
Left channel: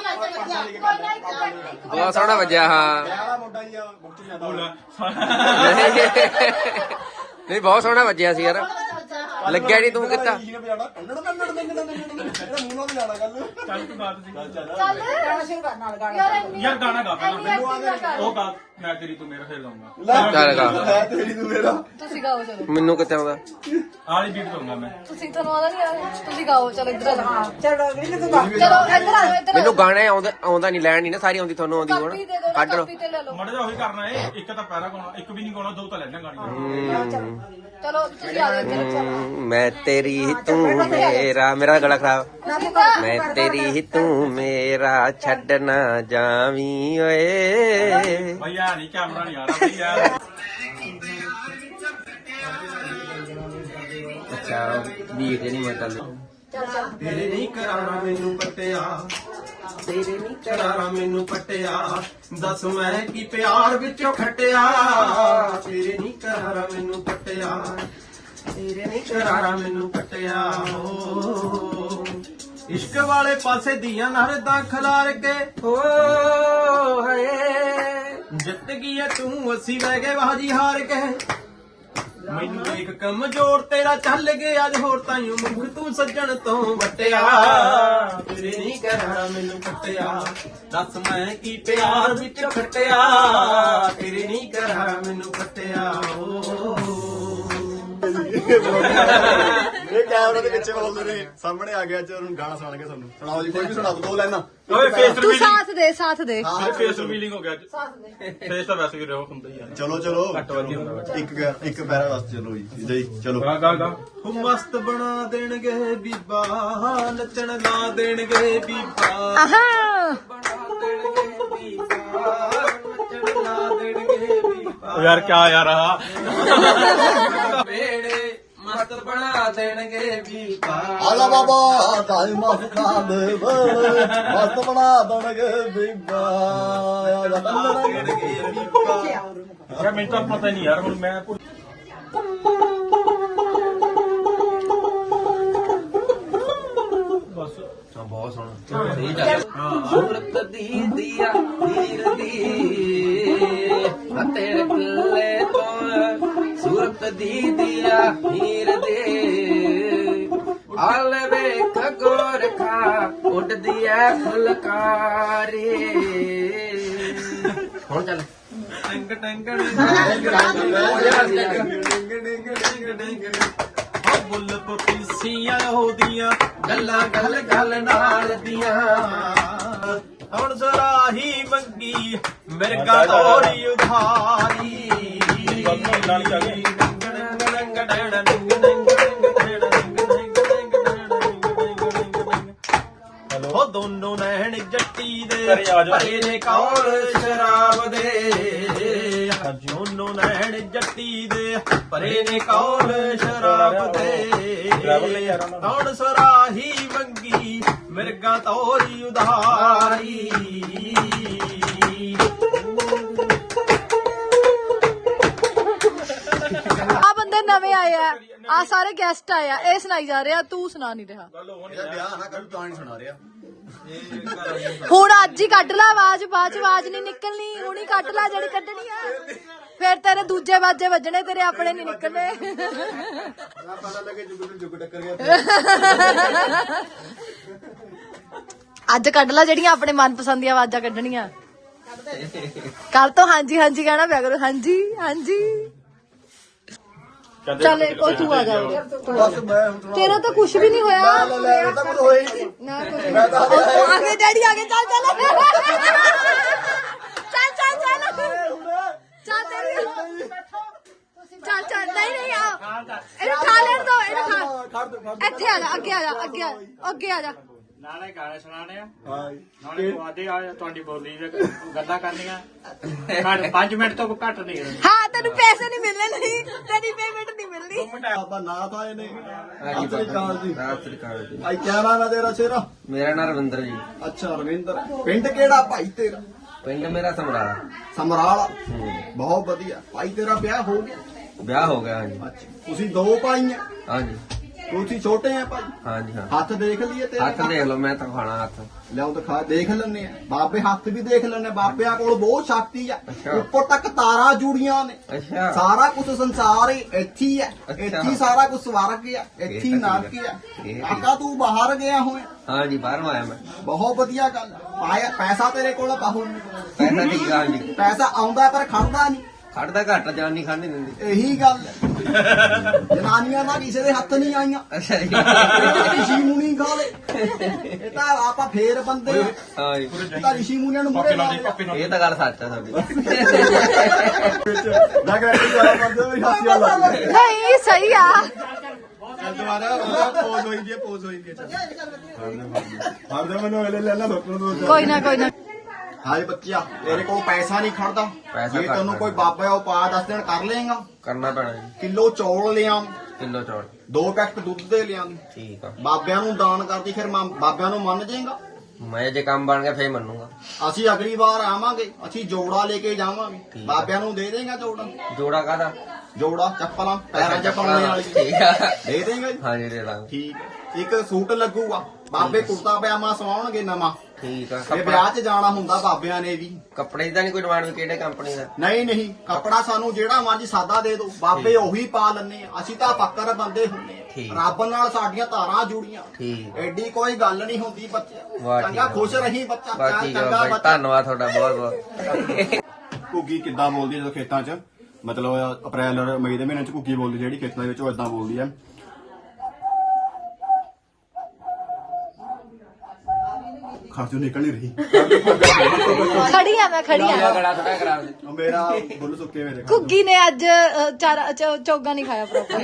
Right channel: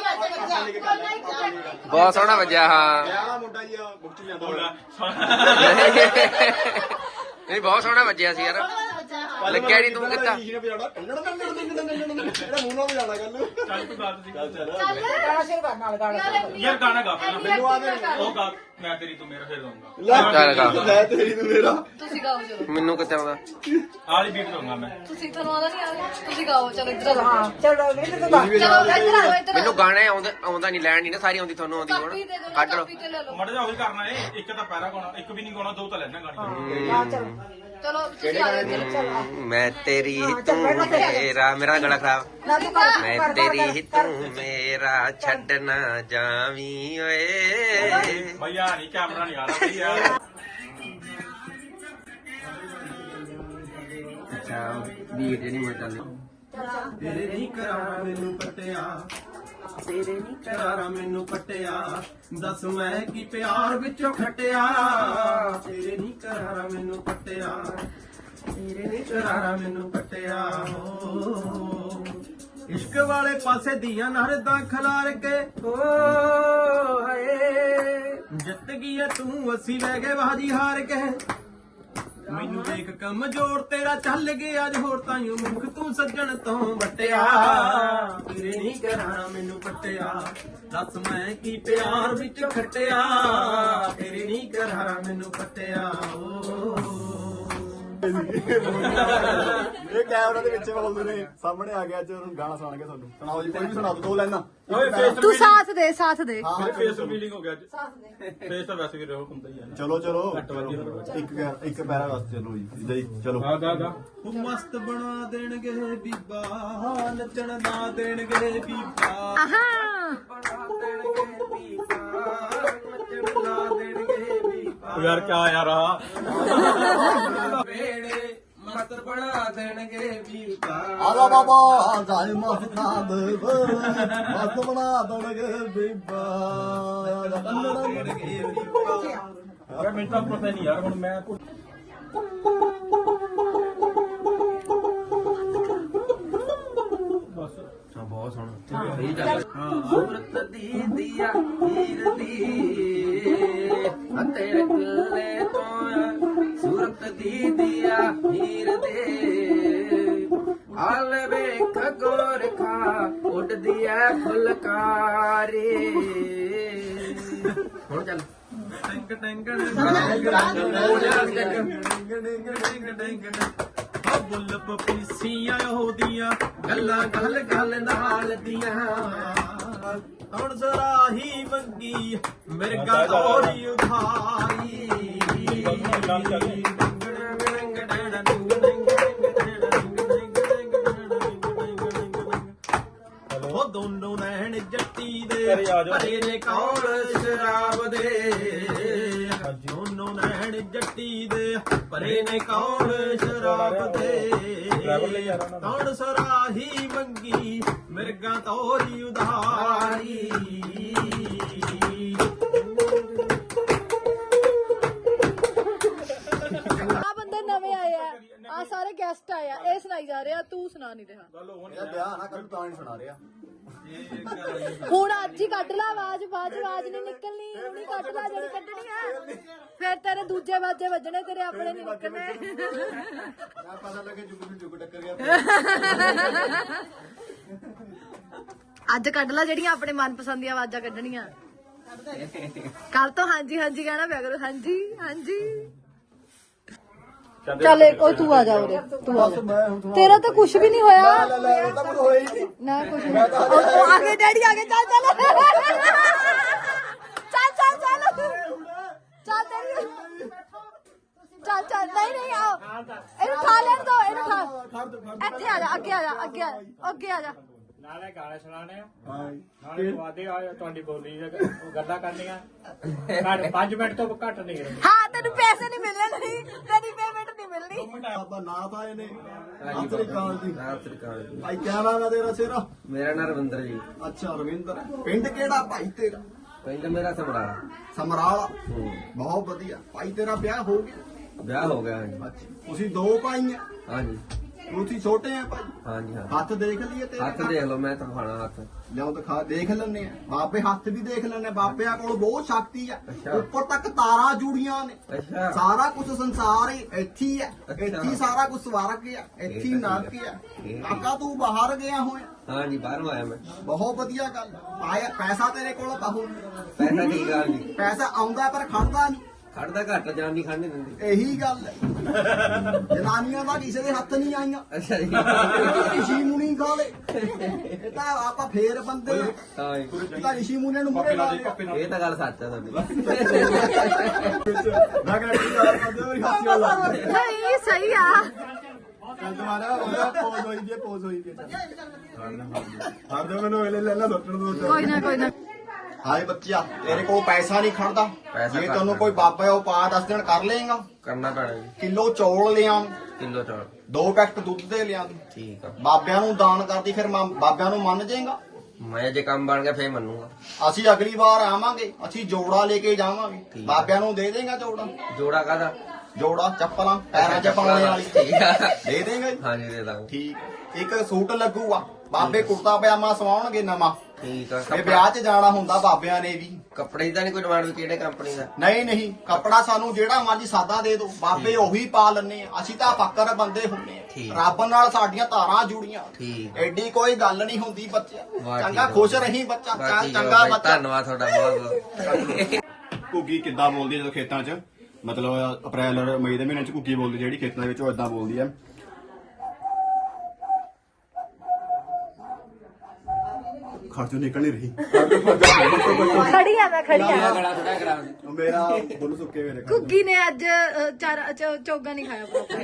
[SPEAKER 3] ਬਹੁਤ ਸੋਹਣਾ ਵੱਜਿਆ ਹਾਂ।
[SPEAKER 2] ਵਿਆਹ ਵਾਲਾ ਮੁੰਡਾ ਹੀ ਆ ਮੁਕਤੀ ਜਾਂਦਾ
[SPEAKER 5] ਬੋਲਾ
[SPEAKER 3] ਨਹੀਂ ਬਹੁਤ ਸੋਹਣਾ ਵੱਜਿਆ ਸੀ ਯਾਰ। ਲੱਗਿਆ ਨੀ ਤੂੰ ਕਿੱਤਾ
[SPEAKER 2] ਇਹਨੇ ਵਜਾਣਾ ਇਹਦਾ ਮੂੰਹ ਨਾਲ ਵਜਾਣਾ ਗੱਲ
[SPEAKER 5] ਚੱਲ ਤੂੰ ਗਾ ਤੁਸੀਂ
[SPEAKER 2] ਚੱਲ ਚੱਲ
[SPEAKER 4] ਚੱਲ ਗਾਣਾ ਸ਼ੁਰੂ ਕਰਨ ਨਾਲ ਗਾਣਾ
[SPEAKER 5] ਯਾਰ ਗਾਣਾ ਗਾ ਪਹਿਲਾਂ
[SPEAKER 2] ਮੈਨੂੰ ਆਦੇ ਨਹੀਂ
[SPEAKER 5] ਉਹ ਗਾ ਮੈਂ ਤੇਰੀ ਤੂੰ ਮੇਰਾ ਫੇਰ ਦਊਂਗਾ
[SPEAKER 2] ਲੈ
[SPEAKER 3] ਚੱਲ ਗਾ।
[SPEAKER 2] ਲੈ ਤੇਰੀ ਨੂੰ ਮੇਰਾ
[SPEAKER 4] ਤੁਸੀਂ ਗਾਓ ਚਲੋ
[SPEAKER 3] ਮੈਨੂੰ ਕਿੱਥੇ ਆਉਂਦਾ
[SPEAKER 5] ਆਲੀ ਬੀਟ ਦਊਂਗਾ ਮੈਂ
[SPEAKER 4] ਤੁਸੀਂ ਤੁਹਾਨੂੰ ਆਉਂਦਾ ਨਹੀਂ ਆ ਤੁਸੀਂ ਗਾਓ ਚਲੋ ਇੱਧਰ ਆ ਚਲੋ ਚਲੋ ਇੱਧਰ ਆ ਇੱਧਰ
[SPEAKER 3] ਮੈਨੂੰ ਗਾਣਾ ਆਉਂਦਾ ਆਉਂਦਾ ਨਹੀਂ ਲੈਣ ਨਹੀਂ ਨਾ ਸਾਰੀ ਆਉਂਦੀ ਤੁਹਾਨੂੰ ਆਉਂਦੀ
[SPEAKER 4] ਕਾਪੀ ਦੇ
[SPEAKER 3] ਹੁਣ
[SPEAKER 4] ਦਿਓ
[SPEAKER 3] ਕੱਢ ਲਓ
[SPEAKER 4] ਕਾਪੀ ਤੇ ਲੈ ਲਓ
[SPEAKER 5] ਮੜ ਜਾ ਉਹੀ ਕਰਨਾ ਏ ਇੱਕ ਤਾਂ ਪੈਰਾ ਗਾਉਣਾ ਇੱਕ ਵੀ ਨਹੀਂ ਗਾਉਣਾ ਦੋ ਤਾਂ ਲੈਣਾ ਗਾਣੀ
[SPEAKER 4] ਚਲੋ ਤੁਸੀਂ ਆ ਜਾਓ
[SPEAKER 3] ਹਮ, ਮੈਂ ਤੇਰੀ ਤੂੰ ਮੇਰਾ ਮੇਰਾ ਗਲਾ ਖਰਾਬ ਮੈਂ ਤੇਰੀ ਤੂੰ ਮੇਰਾ ਛੱਡ ਨਾ ਜਾਵੀਂ ਓਏ
[SPEAKER 5] ਭਈਆ ਨਹੀਂ ਕੈਮਰਾ ਨਹੀਂ ਆ ਰਿਹਾ ਭਈਆ
[SPEAKER 3] ਅੱਛਾ ਵੀਰ ਜਿਹੜੀ ਮੈਂ ਚੱਲ
[SPEAKER 1] ਤੇਰੇ ਨਹੀਂ ਕਰਾਣਾ ਮੈਨੂੰ ਪਟਿਆ ਤੇਰੇ ਨਹੀਂ ਕਰਾਣਾ ਮੈਨੂੰ ਪਟਿਆ ਦੱਸ ਮੈਂ ਕੀ ਪਿਆਰ ਵਿੱਚੋਂ ਖਟਿਆ ਤੇਰੇ ਨਹੀਂ ਕਰਾਣਾ ਮੈਨੂੰ ਪਟਿਆ ਤੇਰੇ ਨਹੀਂ ਕਰਾਣਾ ਮੈਨੂੰ ਪਟਿਆ ਹੋ ਇਸ਼ਕ ਵਾਲੇ ਪਾਸੇ ਦੀਆਂ ਨਰਦਾਂ ਖਲਾਰ ਕੇ ਹੋ ਹਏ ਜਿੱਤ ਗਈ ਐ ਤੂੰ ਅਸੀਂ ਵਹਿ ਗਏ ਬਾਜੀ ਹਾਰ ਕੇ ਮੈਨੂੰ ਦੇਖ ਕਮਜ਼ੋਰ ਤੇਰਾ ਚੱਲ ਗਿਆ ਅੱਜ ਹੋਰ ਤਾਈਓ ਮੁਖ ਤੂੰ ਸੱਜਣ ਤੋਂ ਵਟਿਆ ਤੇਰੇ ਨਹੀਂ ਕਰਾਣਾ ਮੈਨੂੰ ਕੱਟਿਆ ਦੱਸ ਮੈਂ ਕੀ ਪਿਆਰ ਵਿੱਚ ਖਟਿਆ ਤੇਰੇ ਨਹੀਂ ਕਰਾਣਾ ਮੈਨੂੰ ਕੱਟਿਆ
[SPEAKER 2] ਇਹ ਕੈਮਰਾ ਦੇ ਪਿੱਛੇ ਬੋਲਦੇ ਨੇ ਸਾਹਮਣੇ ਆ ਗਿਆ ਅੱਜ ਉਹਨੂੰ ਗਾਣਾ ਸੁਣਾਣਗੇ ਤੁਹਾਨੂੰ ਸੁਣਾਓ ਜੀ ਕੋਈ ਵੀ ਸੁਣਾ ਦੋ ਲੈਣਾ
[SPEAKER 5] ਓਏ ਫੇਸ
[SPEAKER 4] ਤੂੰ ਸਾਥ ਦੇ ਸਾਥ ਦੇ
[SPEAKER 5] ਫੇਸ ਰਿਵੀਲਿੰਗ ਹੋ ਗਿਆ ਅੱਜ ਫੇਸ ਤਾਂ ਵੈਸੇ ਵੀ ਰਹੋ ਹੁੰਦਾ ਹੀ ਆ
[SPEAKER 2] ਚਲੋ ਚਲੋ
[SPEAKER 5] ਘੱਟ ਵੱਧ ਹੀ ਹੁੰਦਾ।
[SPEAKER 2] ਇੱਕ ਇੱਕ ਪੈਰਾ ਵਾਸਤੇ ਚਲੋ ਜੀ ਜੀ ਚਲੋ
[SPEAKER 5] ਗਾ ਗਾ ਗਾ
[SPEAKER 1] ਉਹ ਮਸਤ ਬਣਾ ਦੇਣਗੇ ਬੀਬਾ ਨੱਚਣ ਲਾ ਦੇਣਗੇ ਬੀਬਾ
[SPEAKER 4] ਆਹਾ
[SPEAKER 1] ਬਣਾ ਦੇਣਗੇ ਬੀਬਾ ਨੱਚਣ ਲਾ ਦੇਣਗੇ ਬੀਬਾ
[SPEAKER 5] ਓ ਯਾਰ ਕਿਆ ਯਾਰ ਆ
[SPEAKER 1] ਵੇੜੇ ਮਸਤ ਬਣਾ ਦੇਣਗੇ ਬੀਬਾ
[SPEAKER 2] ਆਲਾ ਬਾਬਾ ਦਾਈ ਮਾਫ ਖਾ ਦੇ ਬਲ ਮਸਤ ਬਣਾ ਦਣਗੇ ਬੀਬਾ
[SPEAKER 1] ਬਣਾ ਦੇਣਗੇ ਬੀਬਾ
[SPEAKER 5] ਯਾਰ ਮੈਨੂੰ ਤਾਂ ਪਤਾ ਨਹੀਂ ਯਾਰ ਹੁਣ ਮੈਂ ਭੁੱਲ- ਬਸ
[SPEAKER 3] ਬਹੁਤ ਸੋਹਣਾ ਸਹੀ ਚੱਲ ਸੂਰਤ ਦੀ ਦੀਆ ਹੀਰ ਦੀ ਅਤੇ ਰਕਲੇ ਤੋਂ ਸੂਰਤ ਦੀ ਦੀਆ ਹੀਰ ਦੇ ਆਲ ਵੇਖ ਗੋਰਖਾ ਉੱਡਦੀ ਐ ਫੁਲਕਾਰੀ ਹੁਣ ਚੱਲ
[SPEAKER 1] ਟੰਗ ਟੰਗ ਟੰਗ ਹੋ ਬੁੱਲ ਪਪੀਸੀਆਂ ਉਹਦੀਆਂ ਗੱਲਾਂ ਗੱਲ ਗੱਲ ਨਾਲ ਦੀਆਂ ਹੁਣ ਜ਼ਰਾਹੀ ਮੰਗੀ ਮਿਰਗਾ ਤੋਰੀ ਉਧਾਰੀ ਉਹ ਦੋਨੋਂ ਨੈਣ ਜੱਟੀ ਦੇ ਭਰੇ ਨੇ ਕੌਲ ਸ਼ਰਾਬ ਦੇ ਦੋਨੋਂ ਨੈਣ ਜੱਟੀ ਦੇ ਭਰੇ ਨੇ ਕੌਲ ਸ਼ਰਾਬ ਦੇ ਹੁਣ ਸਰਾਹੀ ਮੰਗੀ ਮਿਰਗਾ ਤੋਰੀ ਉਧਾਰੀ
[SPEAKER 4] ਆ ਬੰਦੇ ਨਵੇਂ ਆਏ ਆ ਆ ਸਾਰੇ ਗੈਸਟ ਆਏ ਆ ਇਹ ਸੁਣਾਈ ਜਾ ਰਿਹਾ ਤੂੰ ਸੁਣਾ ਨਹੀਂ ਰਿਹਾ
[SPEAKER 2] ਇਹਦਾ ਵਿਆਹ ਨਾ ਕਰੂ ਤਾਂ ਨਹੀਂ ਸੁਣਾ ਰਿਹਾ
[SPEAKER 4] ਹੁਣ ਅੱਜ ਹੀ ਕੱਢ ਲੈ ਆਵਾਜ਼ ਬਾਅਦ ਚ ਆਵਾਜ਼ ਨਹੀਂ ਨਿਕਲਣੀ ਹੁਣੀ ਕੱਢ ਲੈ ਜਿਹੜੀ ਕੱਢਣੀ ਆ ਫਿਰ ਤੇਰੇ ਦੂਜੇ ਬਾਜੇ ਵੱਜਣੇ ਤੇਰੇ ਆਪਣੇ ਨਹੀਂ ਨਿਕਲਣੇ
[SPEAKER 2] ਆ ਪਤਾ ਲੱਗੇ ਜੁਗ ਜੁਗ ਟੱਕਰ ਗਿਆ
[SPEAKER 4] ਅੱਜ ਕੱਢ ਲੈ ਜਿਹੜੀਆਂ ਆਪਣੇ ਮਨਪਸੰਦ ਦੀਆਂ ਆਵਾਜ਼ਾਂ ਕੱਢਣੀਆਂ ਕੱਲ ਤੋਂ ਹਾਂਜੀ ਹਾਂਜੀ ਕਹਿਣਾ ਪਿਆ ਕਰੋ ਹਾਂਜੀ ਹਾਂਜੀ ਚੱਲ ਉਹ ਤੂੰ ਆ ਜਾ ਉਰੇ ਤੂੰ ਆ ਜਾ
[SPEAKER 2] ਮੈਂ ਹੁਣ ਸੁਣਾ
[SPEAKER 4] ਤੇਰਾ ਤਾਂ ਕੁਝ ਵੀ ਨਹੀਂ ਹੋਇਆ
[SPEAKER 2] ਲੈ ਲੈ ਇਹ ਤਾਂ ਕੁਝ ਹੋਇਆ ਹੀ ਨਹੀਂ
[SPEAKER 4] ਨਾ ਕੁਝ ਨਹੀਂ ਉਹ ਉਹ ਆਗੇ ਡੈਡੀ ਆਗੇ ਚੱਲ ਚੱਲ ਚੱਲ ਚੱਲ ਚੱਲ ਚੱਲ ਤੇਰੀ ਚੱਲ ਚੱਲ ਨਹੀਂ ਨਹੀਂ ਆ ਇਹਨੂੰ ਖਾ ਲੈਣ ਦੋ ਇਹਨੂੰ ਖਾ ਇੱਥੇ ਆ ਜਾ ਅੱਗੇ ਆ ਜਾ ਅੱਗੇ ਆ ਅੱਗੇ ਆ ਜਾ
[SPEAKER 6] ਨਾਲੇ ਗਾਣੇ ਸੁਣਾਣੇ ਆ
[SPEAKER 2] ਹਾਂ
[SPEAKER 6] ਨਾਲੇ ਤੁਹਾਡੀ ਆ ਤੁਹਾਡੀ ਬੋਲੀ ਦੇ ਗੱਲਾਂ ਕਰਨੀਆਂ ਘੱਟ ਪੰਜ ਮਿੰਟ ਤੋਂ ਘੱਟ ਨਹੀਂ
[SPEAKER 4] ਹਾਂ ਤੈਨੂੰ ਪੈਸੇ ਨਹੀਂ ਮਿਲਣੇ ਨਹੀਂ ਤੇਰੀ ਪੇਮੈਂਟ ਨਹੀਂ ਮਿਲਣੀ
[SPEAKER 2] ਆਪਾਂ ਨਾ ਤਾਂ ਇਹਨੇ ਆਤਰੀ ਕਾਲ ਜੀ
[SPEAKER 3] ਸਤਿ ਸ੍ਰੀ ਅਕਾਲ ਜੀ
[SPEAKER 2] ਭਾਈ ਕਿਆ ਨਾਮ ਹੈ ਤੇਰਾ ਸ਼ੇਰਾ
[SPEAKER 3] ਮੇਰਾ ਨਾਮ ਰਵਿੰਦਰ ਜੀ
[SPEAKER 2] ਅੱਛਾ ਰਵਿੰਦਰ ਪਿੰਡ ਕਿਹੜਾ ਭਾਈ ਤੇਰਾ
[SPEAKER 3] ਪਿੰਡ ਮੇਰਾ ਸਮਰਾਲਾ
[SPEAKER 2] ਸਮਰਾਲਾ ਬਹੁਤ ਵਧੀਆ ਭਾਈ ਤੇਰਾ ਵਿਆਹ ਹੋ ਗਿਆ
[SPEAKER 3] ਵਿਆਹ ਹੋ ਗਿਆ ਹਾਂਜੀ
[SPEAKER 2] ਅੱਛਾ ਤੁਸੀਂ ਦੋ ਭਾਈ ਆ
[SPEAKER 3] ਹਾਂਜੀ
[SPEAKER 2] ਤੁਸੀਂ ਛੋਟੇ ਆ ਭਾਈ,
[SPEAKER 3] ਹਾਂਜੀ ਹਾਂ
[SPEAKER 2] ਹੱਥ ਦੇਖ ਲਈਏ ਤੇਰੇ
[SPEAKER 3] ਹੱਥ ਦੇਖ ਲਓ ਮੈਂ ਤਾਂ ਖਾਣਾ ਹੱਥ
[SPEAKER 2] ਲਿਆਓ ਦਿਖਾ ਦੇਖ ਲੈਣੇ ਆ ਬਾਬੇ ਹੱਥ ਵੀ ਦੇਖ ਲੈਣੇ ਬਾਬਿਆਂ ਕੋਲ ਬਹੁਤ ਸ਼ਕਤੀ ਆ
[SPEAKER 3] ਅੱਛਾ।
[SPEAKER 2] ਉੱਪਰ ਤੱਕ ਤਾਰਾਂ ਜੁੜੀਆਂ ਨੇ
[SPEAKER 3] ਅੱਛਾ
[SPEAKER 2] ਸਾਰਾ ਕੁਝ ਸੰਸਾਰ ਹੀ ਇੱਥੇ ਹੀ ਆ
[SPEAKER 3] ਅੱਛਾ।
[SPEAKER 2] ਇੱਥੇ ਹੀ ਸਾਰਾ ਕੁਝ ਸਵਰਗ ਆ ਇੱਥੇ ਹੀ
[SPEAKER 3] ਠੀਕ ਆ,
[SPEAKER 2] ਨਰਕ ਆ
[SPEAKER 3] ਠੀਕ ਆ।
[SPEAKER 2] ਕਾਕਾ ਤੂੰ ਬਾਹਰ ਗਿਆ ਹੋਇਆ
[SPEAKER 3] ਹਾਂਜੀ ਬਾਹਰੋਂ ਆਇਆ ਮੈਂ
[SPEAKER 2] ਬਹੁਤ ਵਧੀਆ ਗੱਲ ਪਾਇਆ ਪੈਸਾ ਤੇਰੇ ਕੋਲ ਬਾਹੂ
[SPEAKER 3] ਪੈਸਾ ਠੀਕ ਆ ਹਾਂਜੀ
[SPEAKER 2] ਪੈਸਾ ਆਉਂਦਾ ਪਰ ਖੜਦਾ ਨਹੀਂ
[SPEAKER 3] ਖੜਦਾ ਘੱਟ ਜਾਨ ਨਹੀਂ ਖਾਣ ਨਹੀਂ ਦਿੰਦੀ
[SPEAKER 2] ਇਹੀ ਗੱਲ ਹੈ ਜਨਾਨੀਆਂ ਦਾ ਕਿਸੇ ਦੇ ਹੱਥ ਨਹੀਂ ਆਈਆਂ
[SPEAKER 3] ਅੱਛਾ ਜੀ
[SPEAKER 2] ਰਿਸ਼ੀ ਮੁਨੀ ਖਾ ਲੈ ਇਹ ਤਾਂ ਆਪਾਂ ਫੇਰ ਬੰਦੇ ਆ
[SPEAKER 3] ਹਾਂਜੀ
[SPEAKER 2] ਇਹ ਤਾਂ ਰਿਸ਼ੀ ਮੁਨੀਆਂ ਨੂੰ ਮੁਰੇ ਲਾ ਲਿਆ
[SPEAKER 3] ਇਹ ਤਾਂ ਗੱਲ ਸੱਚ ਆ ਤੁਹਾਡੀ
[SPEAKER 2] ਨਾ ਕਰੇ ਜਾ ਕਰਦੇ ਮੇਰੀ ਹਾਸੀ ਵਾਲਾ
[SPEAKER 4] ਨਹੀਂ ਸਹੀ ਆ
[SPEAKER 2] ਚੱਲ ਦੁਬਾਰਾ ਉਹਦਾ ਪੋਜ਼ ਹੋਈ ਜੀ ਪੋਜ਼ ਹੋਈ ਜੀ ਚੱਲ ਹਰ ਦੇ ਮੈਨੂੰ ਅਗਲੇ ਲੈ ਲਾ ਸੋਚਣ ਦੋ
[SPEAKER 4] ਕੋਈ ਨਾ ਕੋਈ ਨਾ
[SPEAKER 2] ਹਾਏ ਬੱਚਿਆ ਤੇਰੇ ਕੋਲ ਪੈਸਾ ਨਹੀਂ ਖੜਦਾ
[SPEAKER 3] ਪੈਸਾ
[SPEAKER 2] ਜੇ ਤੈਨੂੰ ਕੋਈ ਬਾਬਾ ਉਪਾਅ ਦੱਸ ਦੇਣ ਕਰ ਲਏਗਾ
[SPEAKER 3] ਕਰਨਾ ਪੈਣਾ ਜੀ
[SPEAKER 2] ਕਿਲੋ ਚੌਲ ਲਿਆਂ
[SPEAKER 3] ਕਿਲੋ ਚੌਲ
[SPEAKER 2] ਦੋ ਪੈਕਟ ਦੁੱਧ ਦੇ ਲਿਆਂ
[SPEAKER 3] ਠੀਕ ਆ
[SPEAKER 2] ਬਾਬਿਆਂ ਨੂੰ ਦਾਨ ਕਰਦੀ ਫਿਰ ਮਾਂ- ਬਾਬਿਆਂ ਨੂੰ ਮੰਨ ਜਾਏਗਾ
[SPEAKER 3] ਮੈਂ ਜੇ ਕੰਮ ਬਣ ਗਿਆ ਫੇਰ ਮੰਨੂਗਾ
[SPEAKER 2] ਅਸੀਂ ਅਗਲੀ ਵਾਰ ਆਵਾਂਗੇ ਅਸੀਂ ਜੋੜਾ ਲੈ ਕੇ ਜਾਵਾਂਗੇ
[SPEAKER 3] ਠੀਕ।
[SPEAKER 2] ਬਾਬਿਆਂ ਨੂੰ ਦੇ ਦੇਗਾ ਜੋੜਾ
[SPEAKER 3] ਜੋੜਾ ਕਾਹਦਾ
[SPEAKER 2] ਜੋੜਾ ਚੱਪਲਾਂ ਪੈਰਾਂ 'ਚ ਪਾਉਣੇ ਵਾਲੀ
[SPEAKER 3] ਠੀਕ ਆ
[SPEAKER 2] ਦੇ ਦੇਗਾ
[SPEAKER 3] ਹਾਂਜੀ ਦੇ ਦਾਂਗੇ
[SPEAKER 2] ਠੀਕ ਇੱਕ ਸੂਟ ਲੱਗੂਗਾ ਬਾਬੇ ਕੁੜਤਾ ਪਜਾਮਾ ਸਵਾਉਣਗੇ ਨਵਾਂ
[SPEAKER 3] ਠੀਕ ਆ
[SPEAKER 2] ਇਹ
[SPEAKER 3] ਕੱਪੜਾ
[SPEAKER 2] ਵਿਆਹ 'ਚ ਜਾਣਾ ਹੁੰਦਾ ਬਾਬਿਆਂ ਨੇ ਵੀ
[SPEAKER 3] ਕੱਪੜੇ ਦਾ ਨਹੀਂ ਕੋਈ ਡਿਮਾਂਡ ਕਿਹੜੇ ਕੰਪਨੀ ਦਾ
[SPEAKER 2] ਨਹੀਂ ਨਹੀਂ ਕੱਪੜਾ ਸਾਨੂੰ ਜਿਹੜਾ ਮਰਜੀ ਸਾਦਾ ਦੇ ਦਿਓ ਬਾਬੇ ਉਹੀ ਪਾ ਲੈਣੇ ਆ ਅਸੀਂ ਤਾਂ ਫੱਕਰ ਬੰਦੇ ਹੁੰਨੇ
[SPEAKER 3] ਠੀਕ।
[SPEAKER 2] ਆ ਰੱਬ ਨਾਲ ਸਾਡੀਆਂ ਧਾਰਾਂ ਜੁੜੀਆਂ
[SPEAKER 3] ਠੀਕ
[SPEAKER 2] ਐਡੀ ਕੋਈ ਗੱਲ ਨਹੀਂ ਹੁੰਦੀ ਬੱਚੇ
[SPEAKER 3] ਵਾਹ ਠੀਕ
[SPEAKER 2] ਚੰਗਾ
[SPEAKER 3] ਆ।
[SPEAKER 2] ਖੁਸ਼ ਰਹੀ ਬੱਚਾ
[SPEAKER 3] ਬਸ ਠੀਕ ਆ
[SPEAKER 2] ਚੰਗਾ
[SPEAKER 3] ਬਾਈ,
[SPEAKER 2] ਬੱਚਾ
[SPEAKER 3] ਧੰਨਵਾਦ ਤੁਹਾਡਾ ਬਹੁਤ ਬਹੁਤ
[SPEAKER 2] ਘੁੱਗੀ ਕਿੱਦਾਂ ਬੋਲਦੀ ਜਦੋਂ ਖੇਤਾਂ 'ਚ ਮਤਲਬ ਅਪ੍ਰੈਲ ਔਰ ਮਈ ਦੇ ਮਹੀਨੇ 'ਚ ਘੁੱਗੀ ਬੋਲਦੀ ਜਿਹੜੀ ਖੇਤਾਂ ਦੇ ਵਿੱਚ ਉਹ ਇਦਾਂ ਬੋਲਦੀ ਆ ਖਰਚੋਂ ਨਿਕਲ ਨਹੀਂ ਰਹੀ
[SPEAKER 4] ਖੜੀ ਆ ਮੈਂ ਖੜੀ ਆ
[SPEAKER 3] ਬੜਾ ਥੋੜਾ ਕਰਾ ਦੇ
[SPEAKER 2] ਉਹ ਮੇਰਾ ਬੁੱਲ ਸੁੱਕੇ ਮੇਰੇ
[SPEAKER 4] ਕੁੱਗੀ ਨੇ ਅੱਜ ਅ, ਚਾਰ ਚੌ- ਚੌਗਾ ਨਹੀਂ ਖਾਇਆ ਪ੍ਰੋਪਰ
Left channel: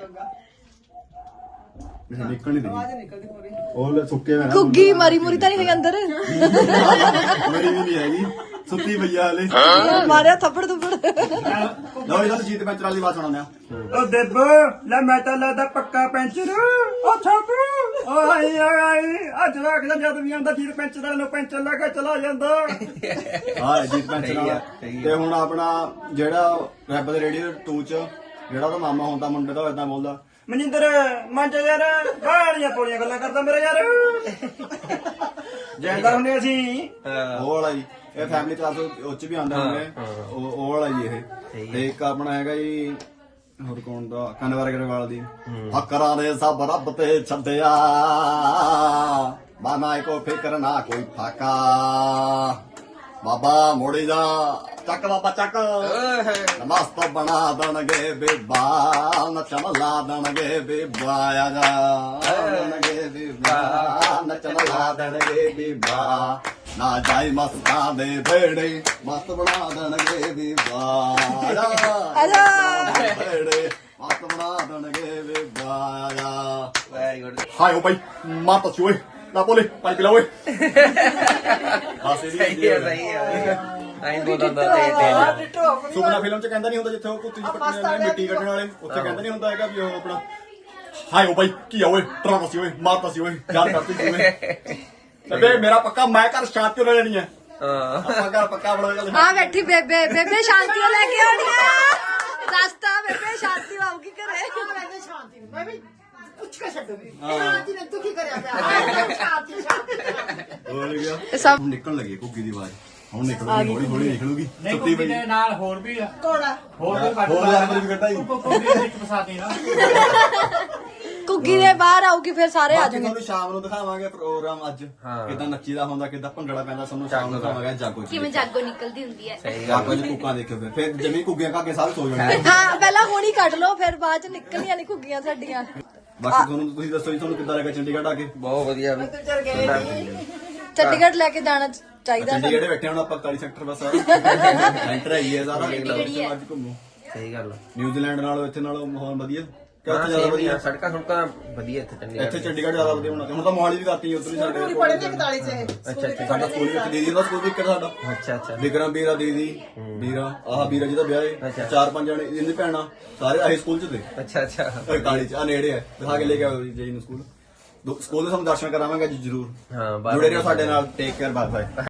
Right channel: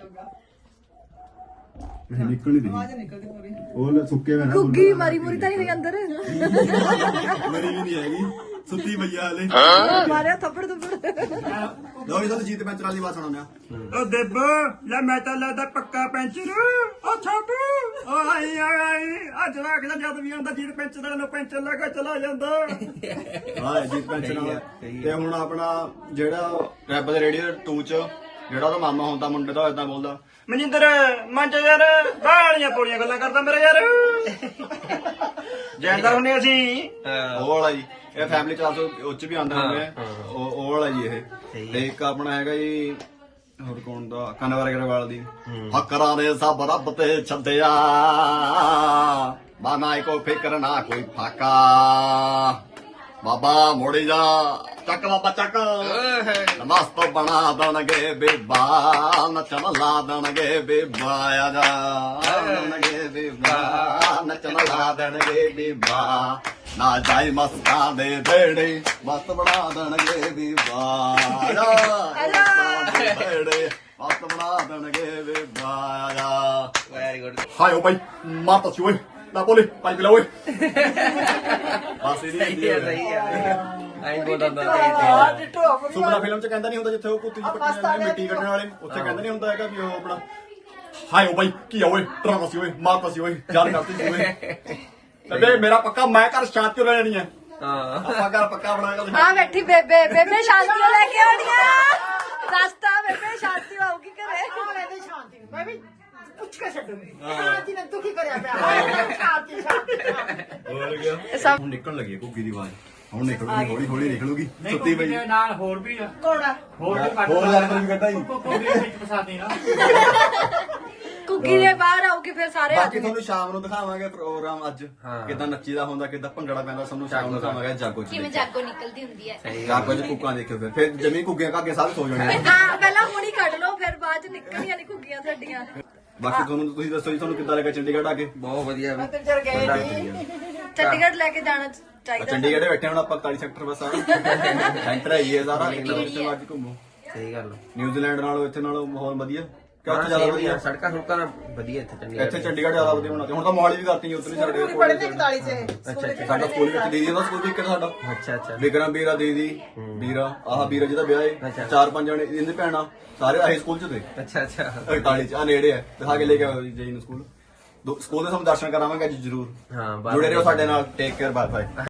[SPEAKER 2] ਇਹ ਨਿਕਲ ਨਹੀਂ ਰਹੀ ਉਹ ਸੁੱਕੇ ਮੇਰਾ
[SPEAKER 4] ਕੁੱਗੀ ਮਾਰੀ ਮੁਰੀ ਤਾਂ ਨਹੀਂ ਹੋਈ ਅੰਦਰ
[SPEAKER 2] ਮੇਰੀ ਵੀ ਨਹੀਂ ਹੈਗੀ ਸੁੱਕੀ ਪਈਆ ਹਲੇ
[SPEAKER 4] ਮਾਰਿਆ ਥੱਪੜ ਥੱਪੜ
[SPEAKER 2] ਲਓ ਇਹਨਾਂ ਜੀਤ ਪੈਂਚਰ ਵਾਲੀ ਬਾਤ ਸੁਣਾਉਂਦੇ ਆ
[SPEAKER 6] ਉਹ ਦੇਬ ਲੈ ਮੈਂ ਤਾਂ ਲੱਗਦਾ ਪੱਕਾ ਪੈਂਚਰ ਉਹ ਛੋਟੂ ਓ ਆਈ ਆਈ ਅੱਜ ਵੇਖਦਾ ਜਦ ਵੀ ਆਂਦਾ ਜੀਤ ਪੈਂਚਰ ਨੂੰ ਪੈਂਚਰ ਲੈ ਕੇ ਚਲਾ ਜਾਂਦਾ
[SPEAKER 2] ਹਾਂ ਜੀਤ ਪੈਂਚਰ ਵਾਲਾ ਤੇ ਹੁਣ ਆਪਣਾ ਜਿਹੜਾ ਰੈਪ ਦੇ ਰੇਡੀਓ ਟੂ ਚ ਜਿਹੜਾ ਉਹਦਾ ਮਾਮਾ ਹੁੰਦਾ ਮੁੰਡੇ ਦਾ ਇਦਾਂ ਬੋਲਦਾ
[SPEAKER 6] ਮਨਿੰਦਰ ਮੰਜ ਯਾਰ ਬਾਹਲੀਆਂ ਪੋਲੀਆਂ ਗੱਲਾਂ ਕਰਦਾ ਮੇਰਾ ਯਾਰ ਜੈਂਦਰ ਹੁੰਨੇ ਅਸੀਂ
[SPEAKER 2] ਉਹ ਵਾਲਾ ਜੀ ਇਹ ਫੈਮਿਲੀ ਕਲਾਸ ਉੱਚ ਵੀ ਆਉਂਦਾ ਹੁੰਦੇ ਉਹ ਉਹ ਵਾਲਾ ਜੀ ਇਹ ਤੇ ਇੱਕ ਆਪਣਾ ਹੈਗਾ ਜੀ ਹੋਰ ਕੌਣ ਦਾ ਕਨਵਰ ਅਗਰਵਾਲ ਦੀ ਫਕਰਾਂ ਨੇ ਸਭ ਰੱਬ ਤੇ ਛੱਡਿਆ ਬਾਨਾ ਕੋ ਫਿਕਰ ਨਾ ਕੋਈ ਫਾਕਾ ਬਾਬਾ ਮੋੜੀ ਜਾ ਚੱਕ ਬਾਬਾ ਚੱਕ ਮਸਤ ਬਣਾ ਦੇਣਗੇ ਬੇਬਾ ਨੱਚਣ ਲਾ ਦੇਣਗੇ ਬੇਬਾ ਆ ਜਾ ਦੇਣਗੇ ਬੇਬਾ ਨੱਚਣ ਲਾ ਦੇਣਗੇ ਬੇਬਾ ਨਾ ਜਾਈ ਮਸਤਾਂ ਦੇ ਢੇੜੇ ਮਸਤ ਬਣਾ ਦੇਣਗੇ ਬੇਬਾ ਆ ਜਾ ਢੇੜੇ ਮਸਤ ਬਣਾ ਦੇਣਗੇ ਬੇਬਾ ਆ ਜਾ
[SPEAKER 3] ਵੈਰੀ ਗੁੱਡ
[SPEAKER 2] ਹਾਏ ਓ ਭਾਈ ਮਾਰ ਤਾ ਓਏ ਨਾ ਬੋਲੇ ਪਾਣੀ ਪਿਲਾ ਓਏ ਬਸ ਇਹਦੀ
[SPEAKER 3] ਸਹੀ ਆ ਸਹੀ ਆ ਆਈ ਬੋਲਦਾ ਤੇ
[SPEAKER 2] ਸੁਪਨਾ ਫਿਲਮ ਚ ਕਹਿੰਦਾ ਨਹੀਂ ਹੁੰਦਾ ਜਿੱਥੇ ਉਹ ਕੁੱਤੀ ਜੀ ਪੱਟਣ ਵਾਲੇ ਮਿੱਟੀ ਕੱਢਣ ਵਾਲੇ ਉੱਥੇ ਕਹਿੰਦਾ ਨਹੀਂ ਹੁੰਦਾ ਹੈਗਾ ਵੀ ਉਹ ਆਪਣਾ ਹਾਏ ਓ ਭਾਈ ਕੀ ਆ ਓਏ ਡਰਾਮਾ ਸੀ ਓਏ ਮਾਰਤਾ ਸੀ ਓਏ ਜਾਨ ਕਰਤੀ ਸੀ ਓਏ ਤੇ ਮੇਰਾ ਪੱਕਾ ਮੈਂ ਘਰ ਸ਼ਾਂਤੀ ਹੋ ਜਾਣੀ ਹੈ
[SPEAKER 3] ਹਾਂ
[SPEAKER 2] ਆਪਾਂ ਘਰ ਪੱਕਾ ਬਣਾਉਣਾ
[SPEAKER 4] ਆ ਬੈਠੀ ਬੇਬੇ ਬੇਬੇ ਸ਼ਾਂਤੀ ਲੈ ਕੇ ਆਉਣੀਆਂ ਸਸਤਾ ਬੇਬੇ ਸ਼ਾਂਤੀ ਆਉਗੀ ਘਰੇ
[SPEAKER 7] ਮੈਂ ਵੀ ਪੁੱਛ ਕੇ ਛੱਡੂਗੀ ਸ਼ਾਂਤੀ ਨੇ ਦੁਖੀ ਕਰਿਆ ਪਿਆ ਸ਼ਾਂਤੀ ਸ਼ਾਂਤੀ
[SPEAKER 2] ਹੋ ਗਿਆ
[SPEAKER 4] ਇਹ ਸਭ
[SPEAKER 2] ਹੁਣ ਨਿਕਲਣ ਲੱਗੀ ਘੁੱਗੀ ਦੀ ਆਵਾਜ਼ ਹੁਣ ਨਿਕਲੂਗੀ ਹੌਲੀ ਹੌਲੀ ਨਿਕਲੂਗੀ ਸੁੱਤੀ ਪਈ
[SPEAKER 6] ਨਾਲ ਹੋਰ ਵੀ ਆ
[SPEAKER 7] ਕੋੜਾ
[SPEAKER 6] ਹੋਰ ਵੀ
[SPEAKER 2] ਹੋਰ ਜਾਨਵਰ ਵੀ ਕੱਢਾਈ
[SPEAKER 6] ਵਿੱਚ ਫਸਾਦੇ ਨਾ
[SPEAKER 4] ਕੁੱਗੀ ਦੇ ਬਾਹਰ ਆਉਗੀ ਫਿਰ ਸਾਰੇ ਆ
[SPEAKER 2] ਬਾਕੀ
[SPEAKER 4] ਜਾਣਗੇ
[SPEAKER 2] ਤੁਹਾਨੂੰ ਸ਼ਾਮ ਨੂੰ ਦਿਖਾਵਾਂਗੇ ਪ੍ਰੋਗਰਾਮ ਅੱਜ
[SPEAKER 3] ਹਾਂ।
[SPEAKER 2] ਕਿਦਾਂ ਨੱਚੀਦਾ ਹੁੰਦਾ ਕਿਦਾਂ ਭੰਗੜਾ ਪੈਂਦਾ ਸਾਨੂੰ ਸ਼ਾਮ ਨੂੰ ਦਿਖਾਵਾਂਗੇ ਜਾਗੋ ਚ
[SPEAKER 8] ਕਿਵੇਂ ਜਾਗੋ ਨਿਕਲਦੀ ਹੁੰਦੀ ਹੈ
[SPEAKER 3] ਸਹੀ
[SPEAKER 2] ਜਾਗੋ ਚ ਕੁੱਕਾਂ ਦੇਖਿਓ ਫਿਰ ਫਿਰ ਜਮੀ ਕੁੱਗੀਆਂ ਕਾਗੇ ਸਾਰੇ ਸੋ ਜਾਣੇ
[SPEAKER 4] ਹਾਂ ਪਹਿਲਾਂ ਹੁਣੀ ਕੱਢ ਲਓ ਫਿਰ ਬਾਅਦ ਚ ਨਿਕਲੀਆਂ ਨਹੀਂ ਘੁੱਗੀਆਂ ਸਾਡੀਆਂ
[SPEAKER 2] ਬਾਕੀ ਤੁਹਾਨੂੰ ਤੁਸੀਂ ਦੱਸੋ ਜੀ ਤੁਹਾਨੂੰ ਕਿੱਦਾਂ ਲੱਗਾ ਚੰਡੀਗੜ੍ਹ ਆ ਕੇ
[SPEAKER 3] ਬਹੁਤ ਵਧੀਆ ਵੀ
[SPEAKER 4] ਚੰਡੀਗੜ੍ਹ ਲੈ ਕੇ ਜਾਣਾ ਚਾਹੀਦਾ
[SPEAKER 2] ਚੰਡੀਗੜ੍ਹ ਬੈਠੇ ਹੁਣ ਆਪਾਂ ਇਕਤਾਲੀ ਸੈਕਟਰ ਬਸ ਸਾਰਾ ਸੈਂਟਰ ਹੈ ਇਹ ਸਾਰਾ ਜਿੱਦਾਂ ਜਿੱਥੇ ਮਰਜ਼ੀ ਘੁੰਮੋ
[SPEAKER 3] ਸਹੀ ਗੱਲ
[SPEAKER 2] ਨਿਊਜ਼ੀਲੈਂਡ ਨਾਲੋਂ ਇੱਥੇ ਨਾਲੋਂ ਮਾਹੌਲ ਵਧੀਆ ਕਿ ਉੱਥੇ ਜ਼ਿਆਦਾ ਵਧੀਆ
[SPEAKER 3] ਸੜਕਾਂ ਸੁੜਕਾਂ ਵਧੀਆ ਇੱਥੇ ਚੰਡੀਗੜ੍ਹ
[SPEAKER 2] ਇੱਥੇ ਚੰਡੀਗੜ੍ਹ ਜ਼ਿਆਦਾ ਵਧੀਆ ਹੋਣਾ ਤੇ ਹੁਣ ਤਾਂ ਮੋਹਾਲੀ ਵੀ ਕਰਤੀ ਉਧਰ ਹੀ ਸਾਡੇ
[SPEAKER 7] ਬੜੇ ਤੇ ਇਕਤਾਲੀ ਚ
[SPEAKER 3] ਅੱਛਾ ਅੱਛਾ
[SPEAKER 2] ਸਾਡਾ ਸਕੂਲ ਵਿੱਚ ਦੀਦੀ ਦਾ ਸਕੂਲ ਵੀ ਇੱਕ ਸਾਡਾ
[SPEAKER 3] ਅੱਛਾ ਅੱਛਾ
[SPEAKER 2] ਵਿਕਰਮ ਵੀਰਾ ਦੀਦੀ ਵੀਰਾ ਆਹ ਵੀਰਾ ਜਿਹਦਾ ਵਿਆਹ
[SPEAKER 3] ਅੱਛਾ।
[SPEAKER 2] ਹੈ ਚਾਰ ਪੰਜ ਜਣੇ ਇਹਦੀ ਭੈਣਾਂ ਸਾਰੇ ਆਹੀ ਸਕੂਲ ਚ ਤੇ
[SPEAKER 3] ਅੱਛਾ ਅੱਛਾ
[SPEAKER 2] ਇਕਤਾਲੀ ਚ ਆ ਨੇੜੇ ਹੈ ਦਿਖਾ ਕੇ ਲੈ ਕੇ ਆਓ ਜੀ ਨੂੰ ਸਕੂਲ ਦੋ- ਸਕੂਲ ਦੇ ਸਾਨੂੰ ਦਰਸ਼ਨ ਕਰਾਵਾਂਗੇ ਅੱਜ ਜ਼ਰੂਰ
[SPEAKER 3] ਹਾਂ ਬਾਹਰ
[SPEAKER 2] ਜੁੜੇ ਰਹੋ ਸਾਡੇ ਨਾਲ ਟੇਕ ਕੇਅਰ ਬਾਏ ਬਾਏ